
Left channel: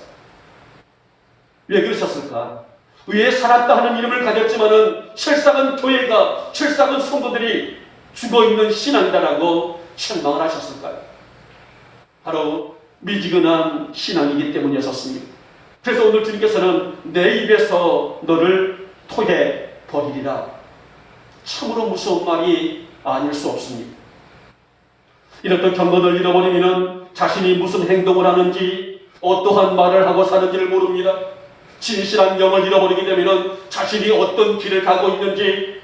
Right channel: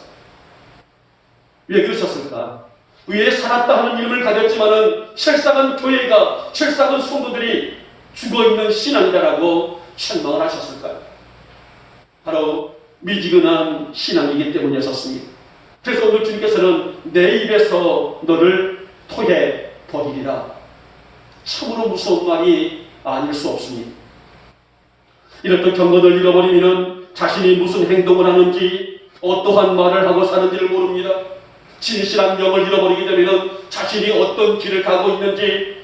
왜 그러셨을까? 왜 살았다 하는 이름을 가졌지만은 실상은 교회가, 실상은 성도들이 죽어있는 신앙이다라고 책망을 하셨을까요? 바로 미지근한 신앙이기 때문이었습니다. 그래서 오늘 주님께서는 내 입에서 너를 토해 버리리라. 참으로 무서운 말이 아닐 수 없습니다. 이렇듯 경건을 잃어버리면 자신이 무슨 행동을 하는지, 어떠한 말을 하고 사는지를 모릅니다. 진실한 영을 잃어버리게 되면 자신이 어떤 길을 가고 있는지,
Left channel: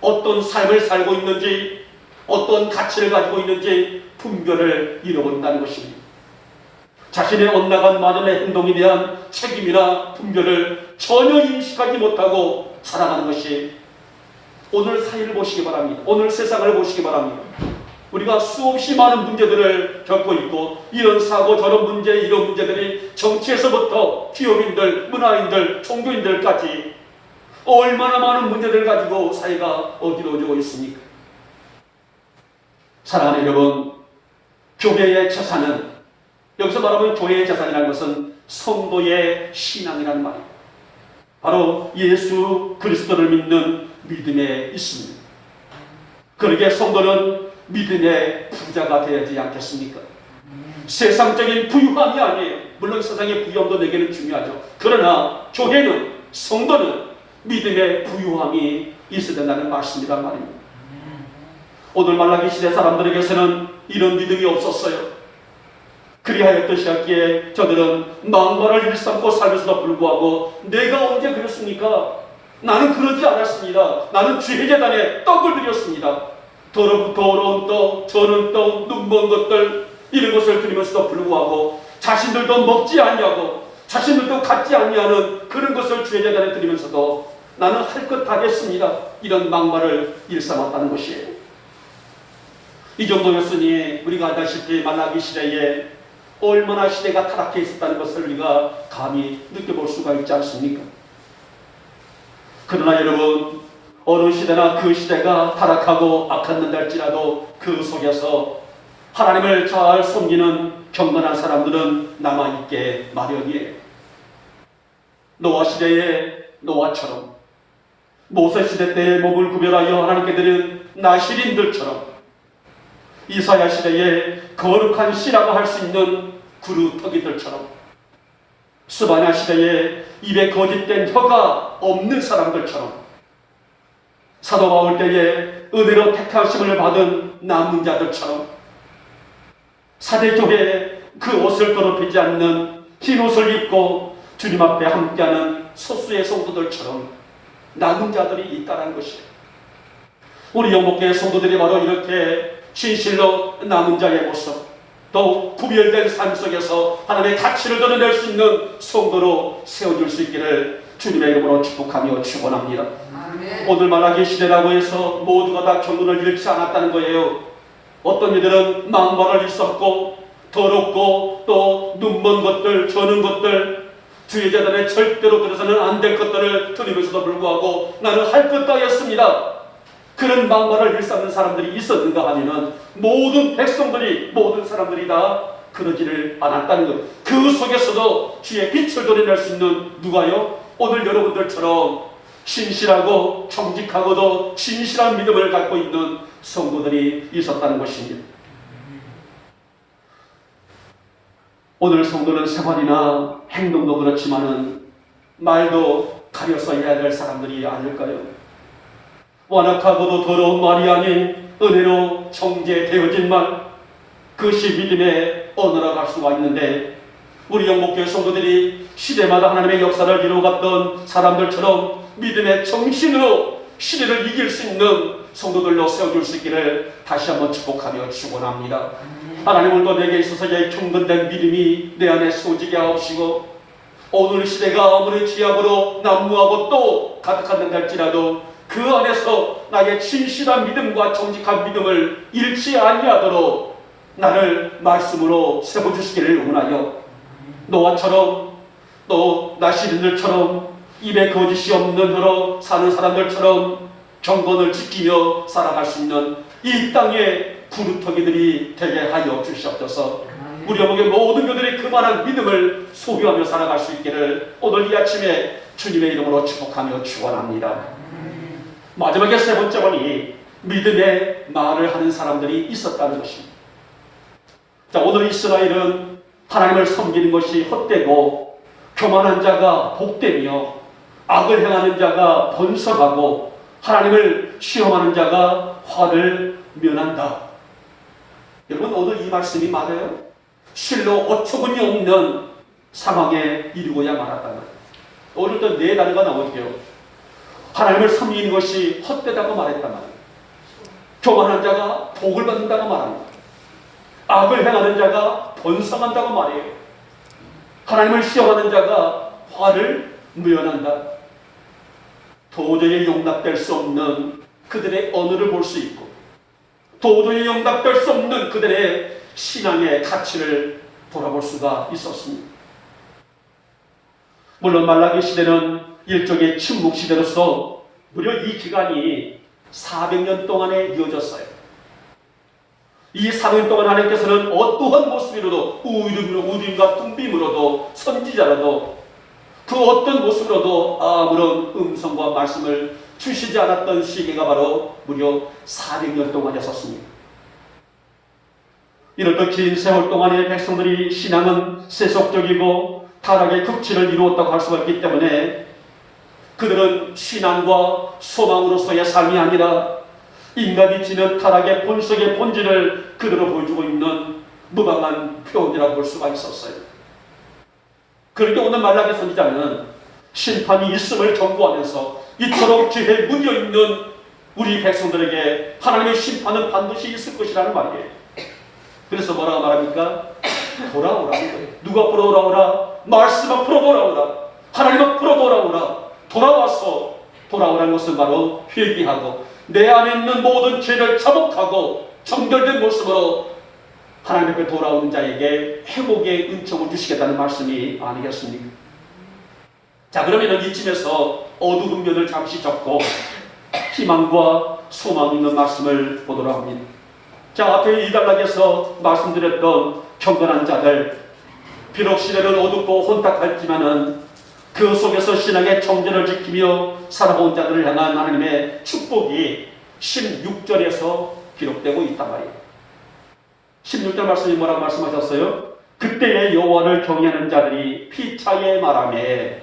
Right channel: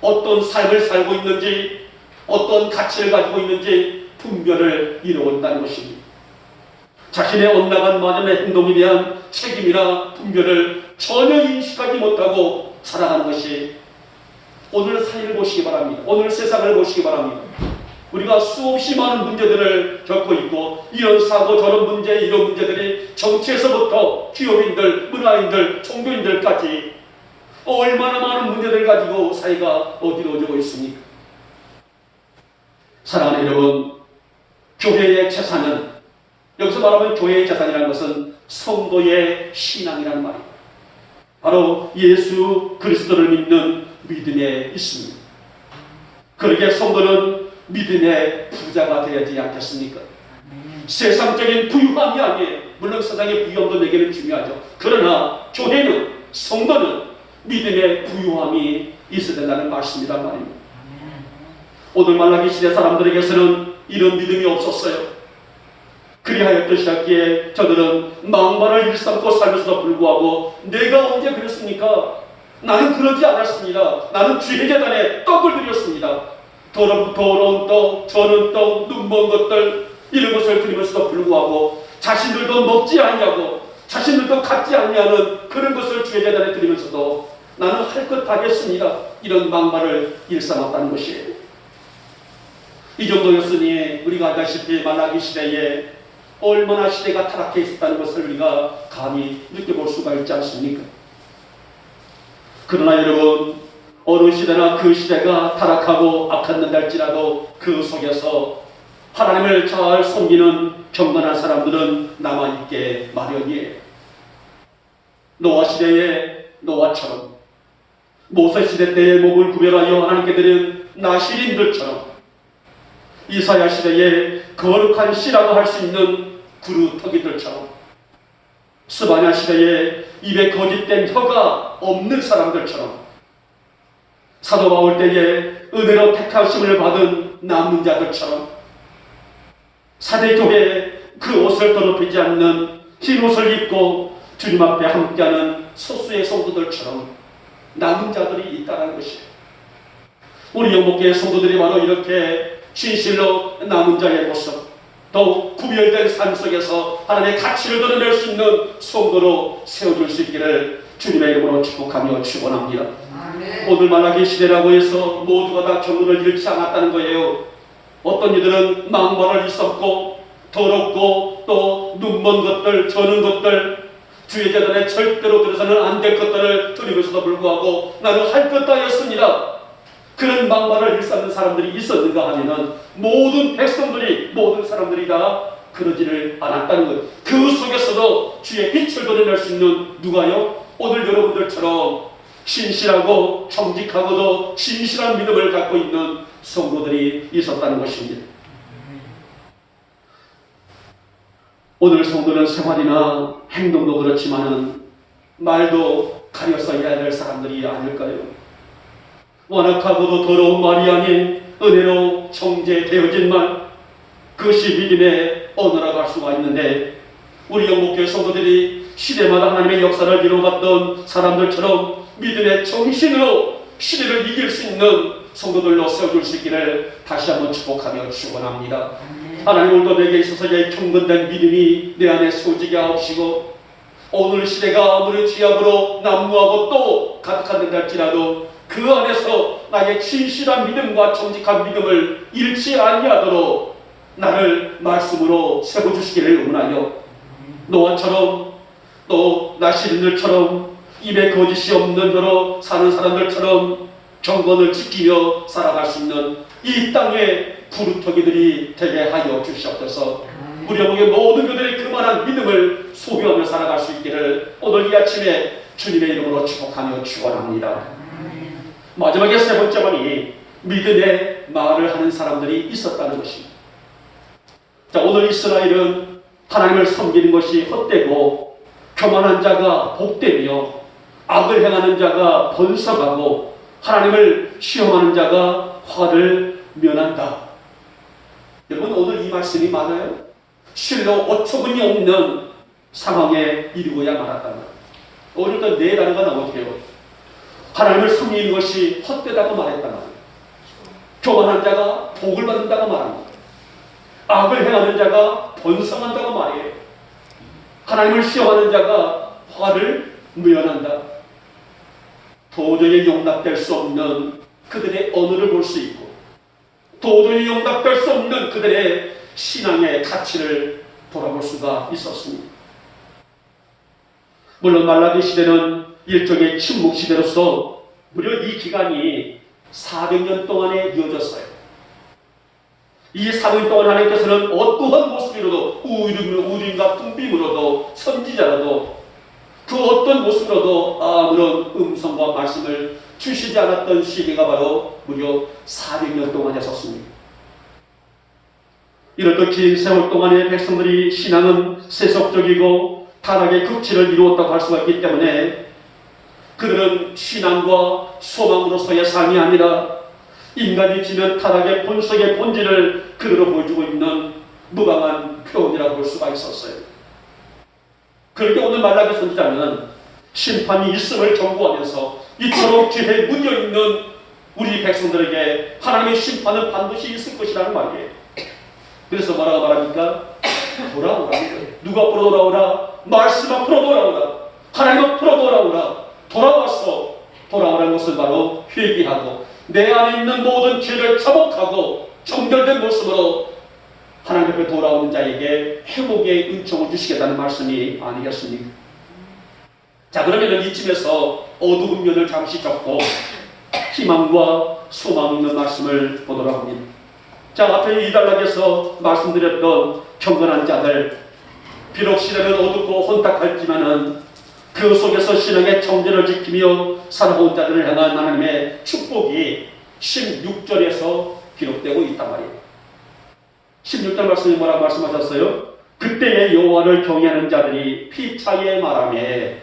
어떤 삶을 살고 있는지, 어떤 가치를 가지고 있는지 분별을 잃어버린다는 것입니다. 자신의 엇나간 많은 행동에 대한 책임이나 분별을 전혀 인식하지 못하고 살아가는 것이 오늘 사회를 보시기 바랍니다. 오늘 세상을 보시기 바랍니다. 우리가 수없이 많은 문제들을 겪고 있고, 이런 사고 저런 문제, 이런 문제들이 정치에서부터 기업인들, 문화인들, 종교인들까지 얼마나 많은 문제들을 가지고 사회가 어디로지고 있습니까? 사랑하는 여러분, 교회의 재산은, 여기서 말하면 교회의 재산이라는 것은 성도의 신앙이라는 말입니다. 바로 예수 그리스도를 믿는 믿음에 있습니다. 그러기에 성도는 믿음의 부자가 되어야 되지 않겠습니까? 세상적인 부유함이 아니에요. 물론 세상의 부유함도 내게는 중요하죠. 그러나 교회는, 성도는 믿음의 부유함이 있어야 된다는 말씀이란 말입니다. 오늘 말라기 시대 사람들에게서는 이런 믿음이 없었어요. 그리하였듯이었기에 저들은 망발을 일삼고 살면서도 불구하고 내가 언제 그랬습니까? 나는 그러지 않았습니다. 나는 주의 재단에 떡을 드렸습니다. 더러운 떡, 저는 떡, 눈먼 것들, 이런 것을 드리면서도 불구하고 자신들도 먹지 아니하고 자신들도 갖지 아니하는 그런 것을 주의 재단에 드리면서도 나는 할 것 다 했습니다. 이런 망발을 일삼았다는 것이에요. 이 정도였으니 우리가 알다시피 말라기 시대에 얼마나 시대가 타락해 있었다는 것을 우리가 감히 느껴볼 수가 있지 않습니까? 그러나 여러분, 어느 시대나 그 시대가 타락하고 악했는다 할지라도 그 속에서 하나님을 잘 섬기는 경건한 사람들은 남아있게 마련이에요. 노아 시대의 노아처럼, 모세 시대 때의 목을 구별하여 하나님께 드린 나실인들처럼, 이사야 시대에 거룩한 씨라고 할 수 있는 구루터기들처럼, 스바냐 시대에 입에 거짓된 혀가 없는 사람들처럼, 사도 바울 때에 은혜로 택하심을 받은 남은 자들처럼, 사대교회에 그 옷을 더럽히지 않는 흰 옷을 입고 주님 앞에 함께하는 소수의 성도들처럼 남은 자들이 있다는 것이에요. 우리 영목교회 성도들이 바로 이렇게 진실로 남은 자의 모습, 또 구별된 삶 속에서 하나님의 가치를 드러낼 수 있는 성도로 세워줄 수 있기를 주님의 이름으로 축복하며 축원합니다. 오늘 말라기 시대라고 해서 모두가 다 경건을 잃지 않았다는 거예요. 어떤 이들은 망발을 일삼고 더럽고 또 눈먼 것들, 저는 것들, 주의 재단에 절대로 들어서는 안 될 것들을 드리면서도 불구하고 나는 할 것 다 했습니다. 그런 망발을 일삼는 사람들이 있었는가 하면은 모든 백성들이, 모든 사람들이 다 그러지를 않았다는 거예요. 그 속에서도 주의 빛을 드러낼 수 있는 누가요? 오늘 여러분들처럼 신실하고 정직하고도 진실한 믿음을 갖고 있는 성도들이 있었다는 것입니다. 오늘 성도는 생활이나 행동도 그렇지만은 말도 가려서 해야 될 사람들이 아닐까요? 완악하고도 더러운 말이 아닌 은혜로 정제되어진 말, 그것이 믿음의 언어라고 할 수가 있는데, 우리 영목교회 성도들이 시대마다 하나님의 역사를 이루어갔던 사람들처럼 믿음의 정신으로 시대를 이길 수 있는 성도들로 세워줄 수 있기를 다시 한번 축복하며 축원합니다. 하나님 오늘도 내게 있어서의 경건된 믿음이 내 안에 소지게 하옵시고 오늘 시대가 아무리 죄악으로 난무하고 또 가득한다 할지라도 그 안에서 나의 진실한 믿음과 정직한 믿음을 잃지 아니하도록 나를 말씀으로 세워주시기를 원하여 노아처럼 또 나시린들처럼 입에 거짓이 없는 혀로 사는 사람들처럼 경건을 지키며 살아갈 수 있는 이 땅의 부르터기들이 되게 하여 주시옵소서. 우리 어머니 모든 그들의 그만한 믿음을 소유하며 살아갈 수 있기를 오늘 이 아침에 주님의 이름으로 축복하며 축원합니다. 마지막에 세 번째 번이 믿음의 말을 하는 사람들이 있었다는 것입니다. 자, 오늘 이스라엘은 하나님을 섬기는 것이 헛되고 교만한 자가 복되며 악을 행하는 자가 번성하고 하나님을 시험하는 자가 화를 면한다. 여러분 오늘 이 말씀이 맞아요? 실로 어처구니 없는 상황에 이르고야 말았다. 오늘도 네 단어가 나오게요. 하나님을 섬기는 것이 헛되다고 말했단 말이에요. 교만한 자가 복을 받는다고 말합니다. 악을 행하는 자가 번성한다고 말해요. 하나님을 시험하는 자가 화를 면한다. 도저히 용납될 수 없는 그들의 언어를 볼 수 있고 도저히 용납될 수 없는 그들의 신앙의 가치를 돌아볼 수가 있었습니다. 물론 말라기 시대는 일종의 침묵 시대로서 무려 이 기간이 400년 동안에 이어졌어요. 이 400년 동안 하나님께서는 어떠한 모습으로도 우림과 뚱빔으로도 선지자라도 그 어떤 모습으로도 아무런 음성과 말씀을 주시지 않았던 시기가 바로 무려 400년 동안이었습니다. 이렇게 긴 세월 동안의 백성들이 신앙은 세속적이고 타락의 극치를 이루었다고 할 수가 있기 때문에 그들은 신앙과 소망으로서의 삶이 아니라 인간이 지는 타락의 본성의 본질을 그대로 보여주고 있는 무방한 표현이라고 볼 수가 있었어요. 그런데 오늘 말라기 선지자는 심판이 있음을 경고하면서 이토록 죄에 묻어있는 우리 백성들에게 하나님의 심판은 반드시 있을 것이라는 말이에요. 그래서 뭐라고 말합니까? 돌아오라. 누가 앞으로 돌아오라? 말씀 앞으로 돌아오라. 하나님 앞으로 돌아오라. 돌아와서 돌아오라는 것은 바로 회개하고 내 안에 있는 모든 죄를 자복하고 정결된 모습으로 하나님 앞에 돌아오는 자에게 회복의 은총을 주시겠다는 말씀이 아니겠습니까? 자, 그러면 이쯤에서 어두운 면을 잠시 접고 희망과 소망 있는 말씀을 보도록 합니다. 자, 앞에 이 단락에서 말씀드렸던 경건한 자들, 비록 시대는 어둡고 혼탁할지만은 그 속에서 신앙의 정전을 지키며 살아온 자들을 향한 하나님의 축복이 16절에서 기록되고 있단 말이에요. 16절 말씀이 뭐라고 말씀하셨어요? 그때의 여호와를 경외하는 자들이 피차에 말하매.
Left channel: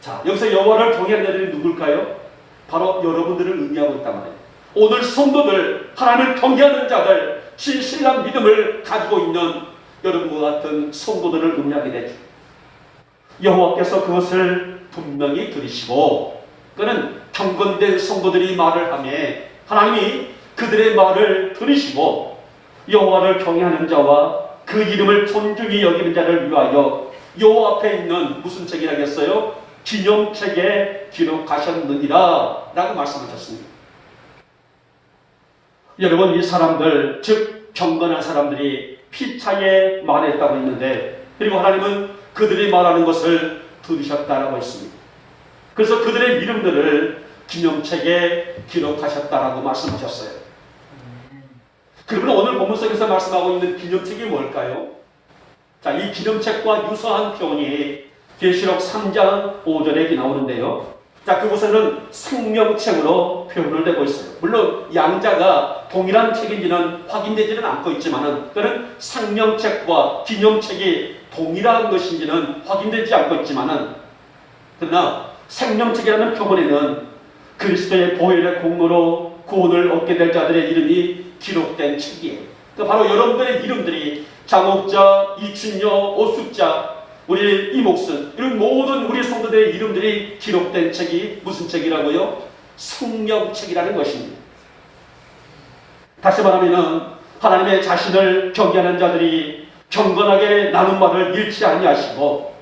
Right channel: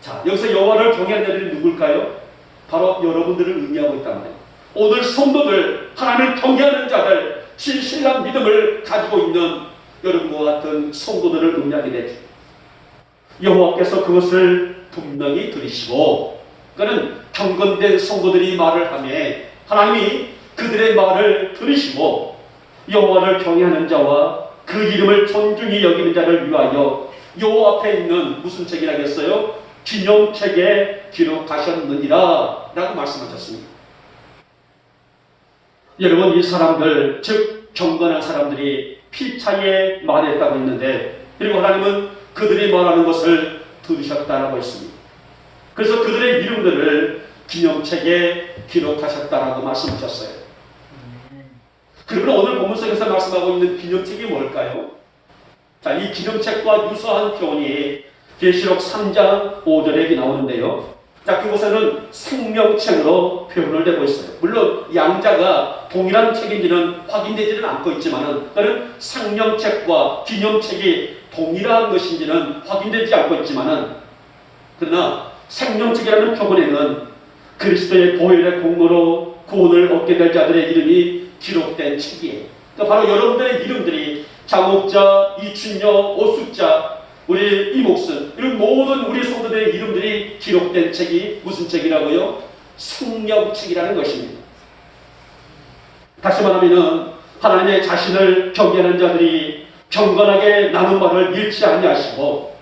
자, 여기서 여호와를 경외하는 자들이 누굴까요? 바로 여러분들을 의미하고 있단 말이에요. 오늘 성도들, 하나님을 경외하는 자들, 진실한 믿음을 가지고 있는 여러분과 같은 성도들을 의미하게 되죠. 여호와께서 그것을 분명히 들으시고, 그는 경건된 성도들이 말을 하며 하나님이 그들의 말을 들으시고 여호와를 경외하는 자와 그 이름을 존중히 여기는 자를 위하여 여호와 앞에 있는 무슨 책이라겠어요? 기념책에 기록하셨느니라 라고 말씀하셨습니다. 여러분, 이 사람들, 즉 경건한 사람들이 피차에 말했다고 했는데, 그리고 하나님은 그들이 말하는 것을 들으셨다라고 했습니다. 그래서 그들의 이름들을 기념책에 기록하셨다라고 말씀하셨어요. 그러면 오늘 본문 속에서 말씀하고 있는 기념책이 뭘까요? 자, 이 기념책과 유사한 표현이 계시록 3장 5절에 나오는데요. 자, 그곳에는 생명책으로 표현을 되고 있어요. 물론 양자가 동일한 책인지는 확인되지는 않고 있지만은, 그는 생명책과 기념책이 동일한 것인지는 확인되지 않고 있지만은, 그러나 생명책이라는 표본에는 그리스도의 보혈의 공로로 구원을 얻게 될 자들의 이름이 기록된 책이에요. 그러니까 바로 여러분들의 이름들이 장옥자, 이춘여, 오숙자, 우리 이목순, 이런 모든 우리 성도들의 이름들이 기록된 책이 무슨 책이라고요? 생명책이라는 것입니다. 다시 말하면 하나님의 자신을 경외하는 자들이 경건하게 나눈 말을 잃지 아니하시고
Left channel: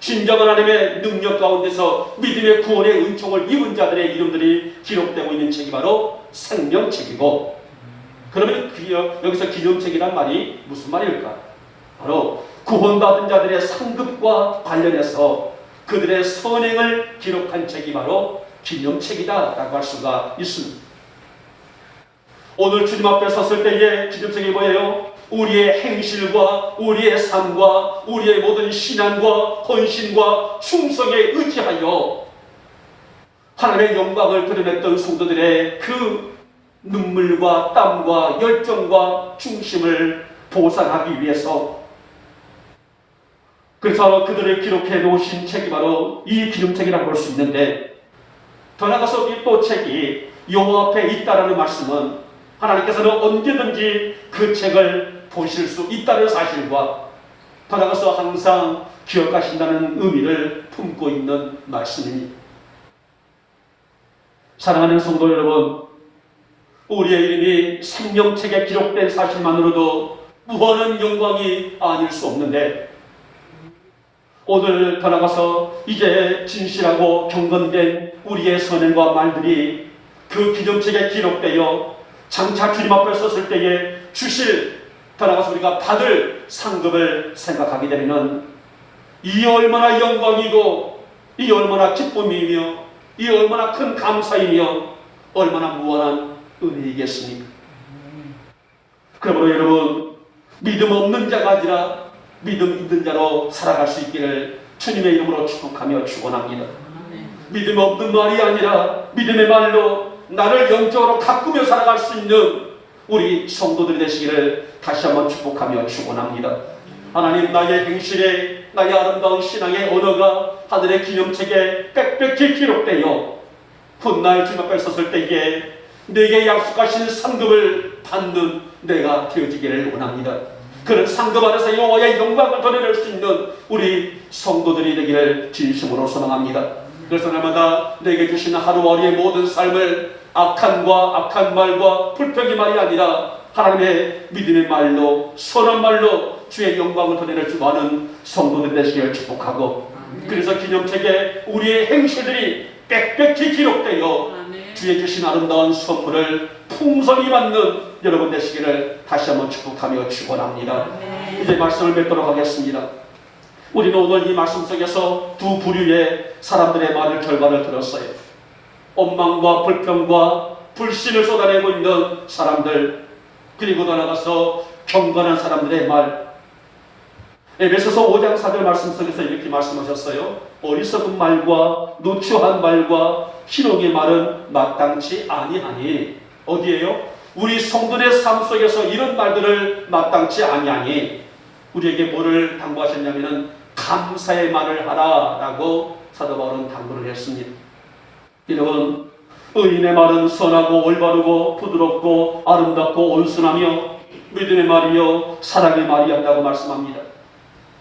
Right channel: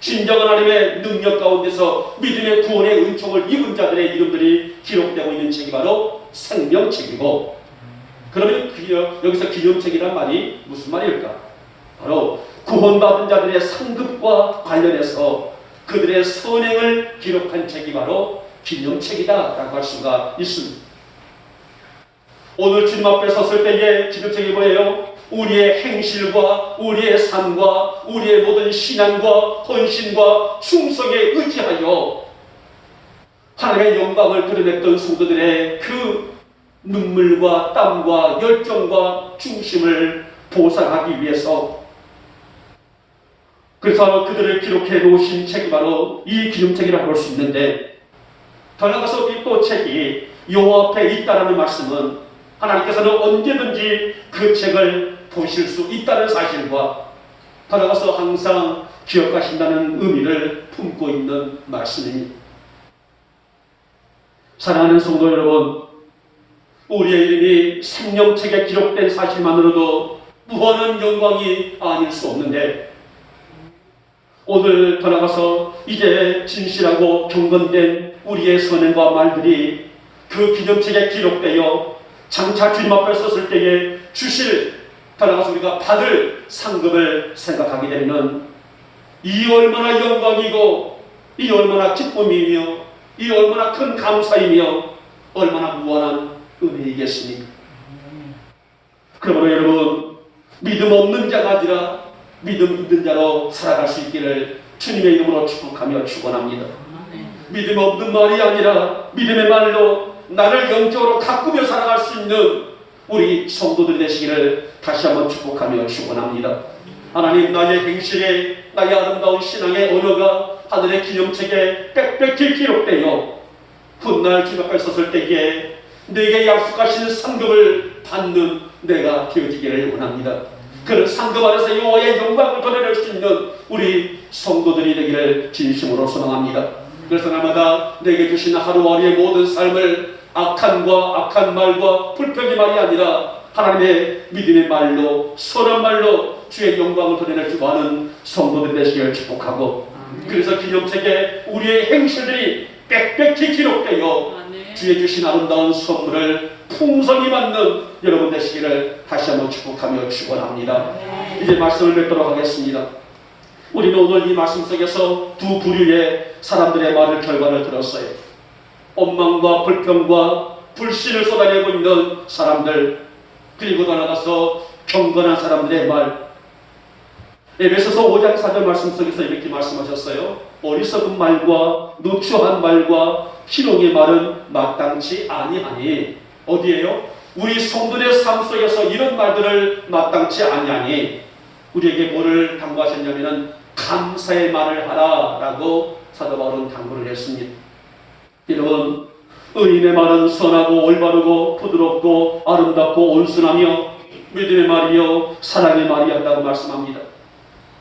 진정한 하나님의 능력 가운데서 믿음의 구원의 은총을 입은 자들의 이름들이 기록되고 있는 책이 바로 생명책이고, 그러면 여기서 기념책이란 말이 무슨 말일까? 바로 구원받은 자들의 상급과 관련해서 그들의 선행을 기록한 책이 바로 기념책이다라고 할 수가 있습니다. 오늘 주님 앞에 섰을 때의 기념책이 뭐예요? 우리의 행실과 우리의 삶과 우리의 모든 신앙과 헌신과 충성에 의지하여 하나님의 영광을 드러냈던 성도들의 그 눈물과 땀과 열정과 중심을 보상하기 위해서, 그래서 그들을 기록해 놓으신 책이 바로 이 기념책이라고 볼 수 있는데, 더 나아가서 이 또 책이 여호와 앞에 있다라는 말씀은 하나님께서는 언제든지 그 책을 보실 수 있다는 사실과 더 나아가서 항상 기억하신다는 의미를 품고 있는 말씀입니다. 사랑하는 성도 여러분, 우리의 이름이 생명책에 기록된 사실만으로도 무한한 영광이 아닐 수 없는데, 오늘 더 나아가서 이제 진실하고 경건된 우리의 선행과 말들이 그 기념책에 기록되어 장차 주님 앞에 섰을 때에 주실, 더 나아가서 우리가 받을 상급을 생각하게 되면 이 얼마나 영광이고 이 얼마나 기쁨이며 이 얼마나 큰 감사이며 얼마나 무한한 은혜이겠습니까? 그러므로 여러분, 믿음 없는 자가 아니라 믿음 있는 자로 살아갈 수 있기를 주님의 이름으로 축복하며 축원합니다. 믿음 없는 말이 아니라 믿음의 말로 나를 영적으로 가꾸며 살아갈 수 있는 우리 성도들이 되시기를 다시 한번 축복하며 축원합니다. 하나님, 나의 행실에, 나의 아름다운 신앙의 언어가 하늘의 기념책에 빽빽히 기록되어 훗날 주님 앞에 섰을 때에 내게 약속하신 상급을 받는 내가 되어지기를 원합니다. 그런 상급 안에서 여호와의 영광을 드러낼 수 있는 우리 성도들이 되기를 진심으로 소망합니다. 그래서 날마다 내게 주신 하루하루의 모든 삶을 악한 말과 불평의 말이 아니라 하나님의 믿음의 말로, 선한 말로 주의 영광을 드러낼 줄 아는 성도들 되시기를 축복하고, 그래서 기념책에 우리의 행실들이 빽빽히 기록되어 주의 주신 아름다운 선물을 풍성히 받는 여러분 되시기를 다시 한번 축복하며 축원합니다. 이제 말씀을 맺도록 하겠습니다. 우리는 오늘 이 말씀 속에서 두 부류의 사람들의 말을 결과를 들었어요. 원망과 불평과 불신을 쏟아내고 있는 사람들, 그리고 나아가서 경건한 사람들의 말. 에베소서 5장 4절 말씀 속에서 이렇게 말씀하셨어요. 어리석은 말과 누추한 말과 희롱의 말은 마땅치 아니하니. 어디에요? 우리 성도의 삶 속에서 이런 말들을 마땅치 아니하니 우리에게 뭐를 당부하셨냐면은 감사의 말을 하라라고 사도 바울은 당부를 했습니다. 여러분, 의인의 말은 선하고 올바르고 부드럽고 아름답고 온순하며 믿음의 말이요 사랑의 말이었다고 말씀합니다.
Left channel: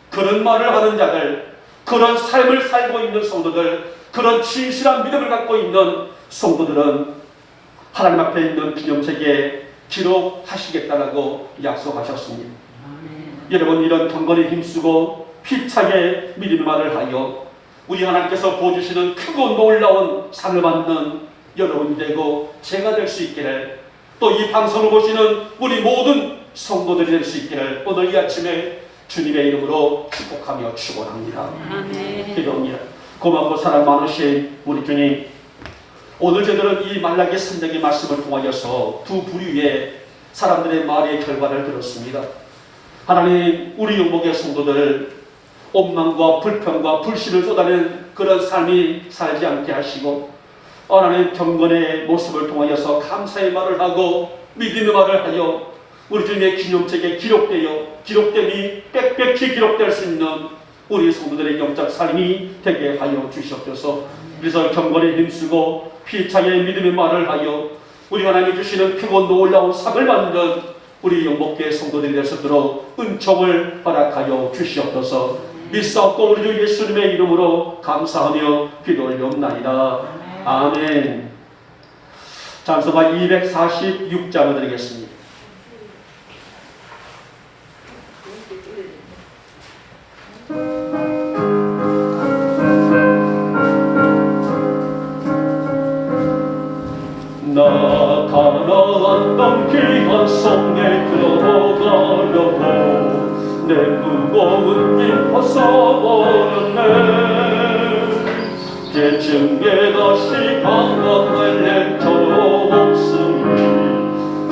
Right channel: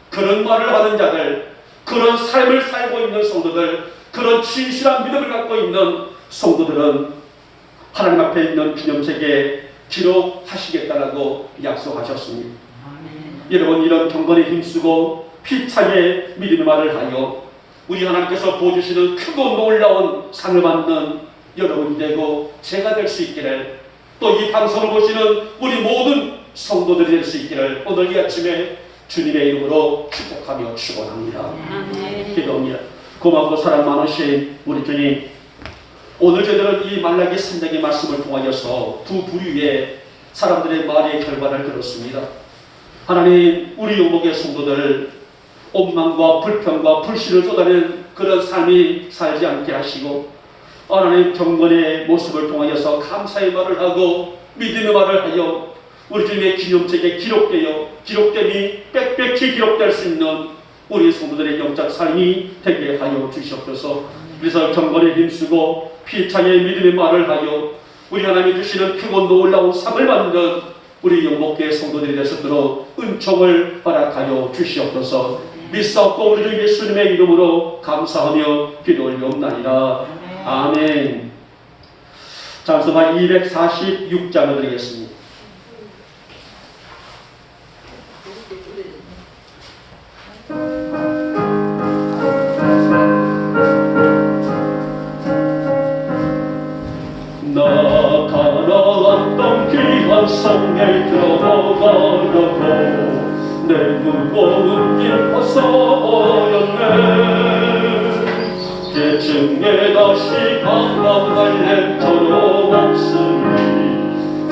그런 말을 하는 자들, 그런 삶을 살고 있는 성도들, 그런 진실한 믿음을 갖고 있는 성도들은 하나님 앞에 있는 기념책에 기록하시겠다라고 약속하셨습니다. 여러분, 이런 경건에 힘쓰고 피차게 믿음의 말을 하여 우리 하나님께서 보여주시는 크고 놀라운 상을 받는 여러분이 되고 제가 될 수 있기를, 또 이 방송을 보시는 우리 모든 성도들이 될 수 있기를 오늘 이 아침에 주님의 이름으로 축복하며 축원합니다. 기도합니다. 고맙고 사랑 많으신 우리 주님, 오늘 저들은 이 말라기 3장의 말씀을 통하여서 두 부류의 사람들의 말의 결과를 들었습니다. 하나님, 우리 영목의 성도들 원망과 불평과 불신을 쏟아낸 그런 삶이 살지 않게 하시고, 하나님 경건의 모습을 통하여서 감사의 말을 하고 믿음의 말을 하여 우리 주님의 기념책에 기록됨이 빽빽히 기록될 수 있는 우리 성도들의 영적 삶이 되게 하여 주시옵소서. 그래서 경건에 힘쓰고 피차게 믿음의 말을 하여 우리 하나님이 주시는 크고 놀라운 상을 받는 우리 영목교회 성도들이 되시도록 은총을 허락하여 주시옵소서. 믿사옵고 우리 주 예수님의 이름으로 감사하며 기도를 올리옵나이다. 아멘. 찬송가 246장을 드리겠습니다. 나타나왔던 귀한 성에 들어가려고 내 무거운 짐 벗어버렸네. 계층에 다시 감당할 저로 없으니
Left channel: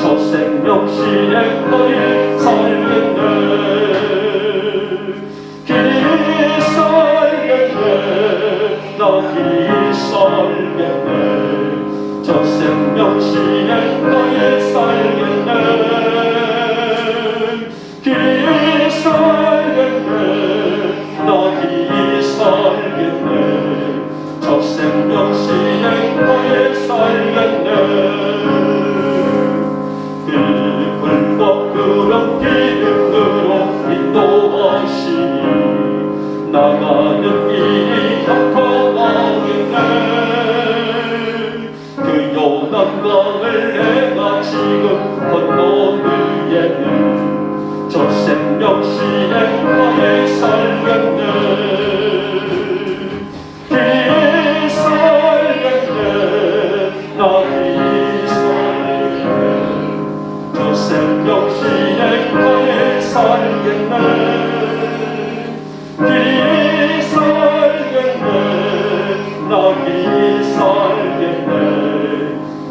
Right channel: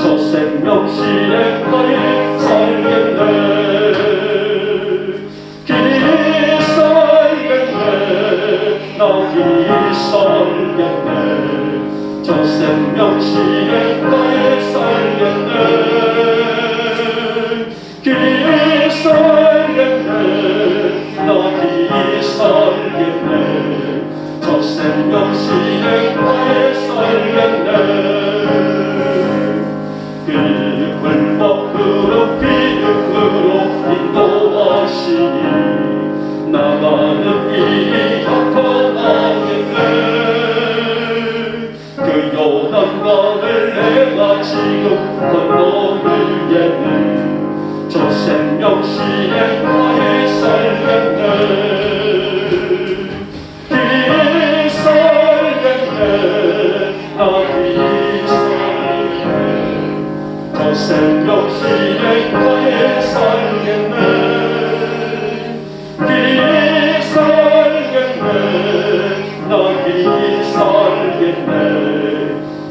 저 생명 실행거리 살겠네. 길이 살겠네. 나 길이 살겠네. 저 생명 실행거리 살겠네. 길이 살겠네. 나 길이 살겠네. 저 생명 실행거리 살겠네. 길과 그런 기름으로 인도하시니 나가는 길이 닥터가겠네. 그 요단강을 내가 지금 건너느에는 저 생명 실행하에 살겠네. 길이 살겠네. 나 길이 살겠네. 저 생명 실행하에 살겠네. 길이 살겠네. 나 길이 살겠네.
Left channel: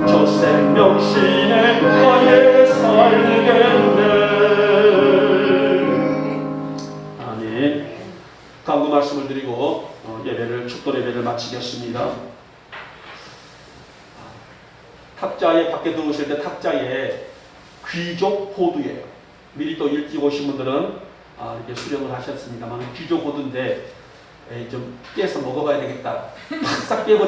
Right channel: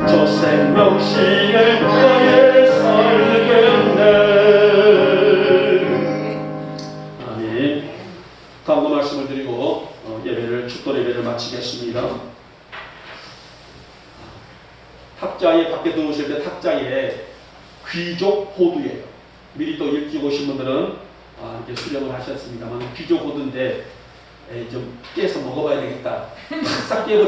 저 생명 실행하에 살겠네. 아멘. 강구 말씀을 드리고 예배를 축도 예배를 마치겠습니다. 탁자에 밖에 들어오실 때 탁자에 귀족 호두예요. 미리 또 일찍 오신 분들은 이렇게 수령을 하셨습니다만 귀족 호두인데 좀 깨서 먹어봐야 되겠다. 싹 깨버리.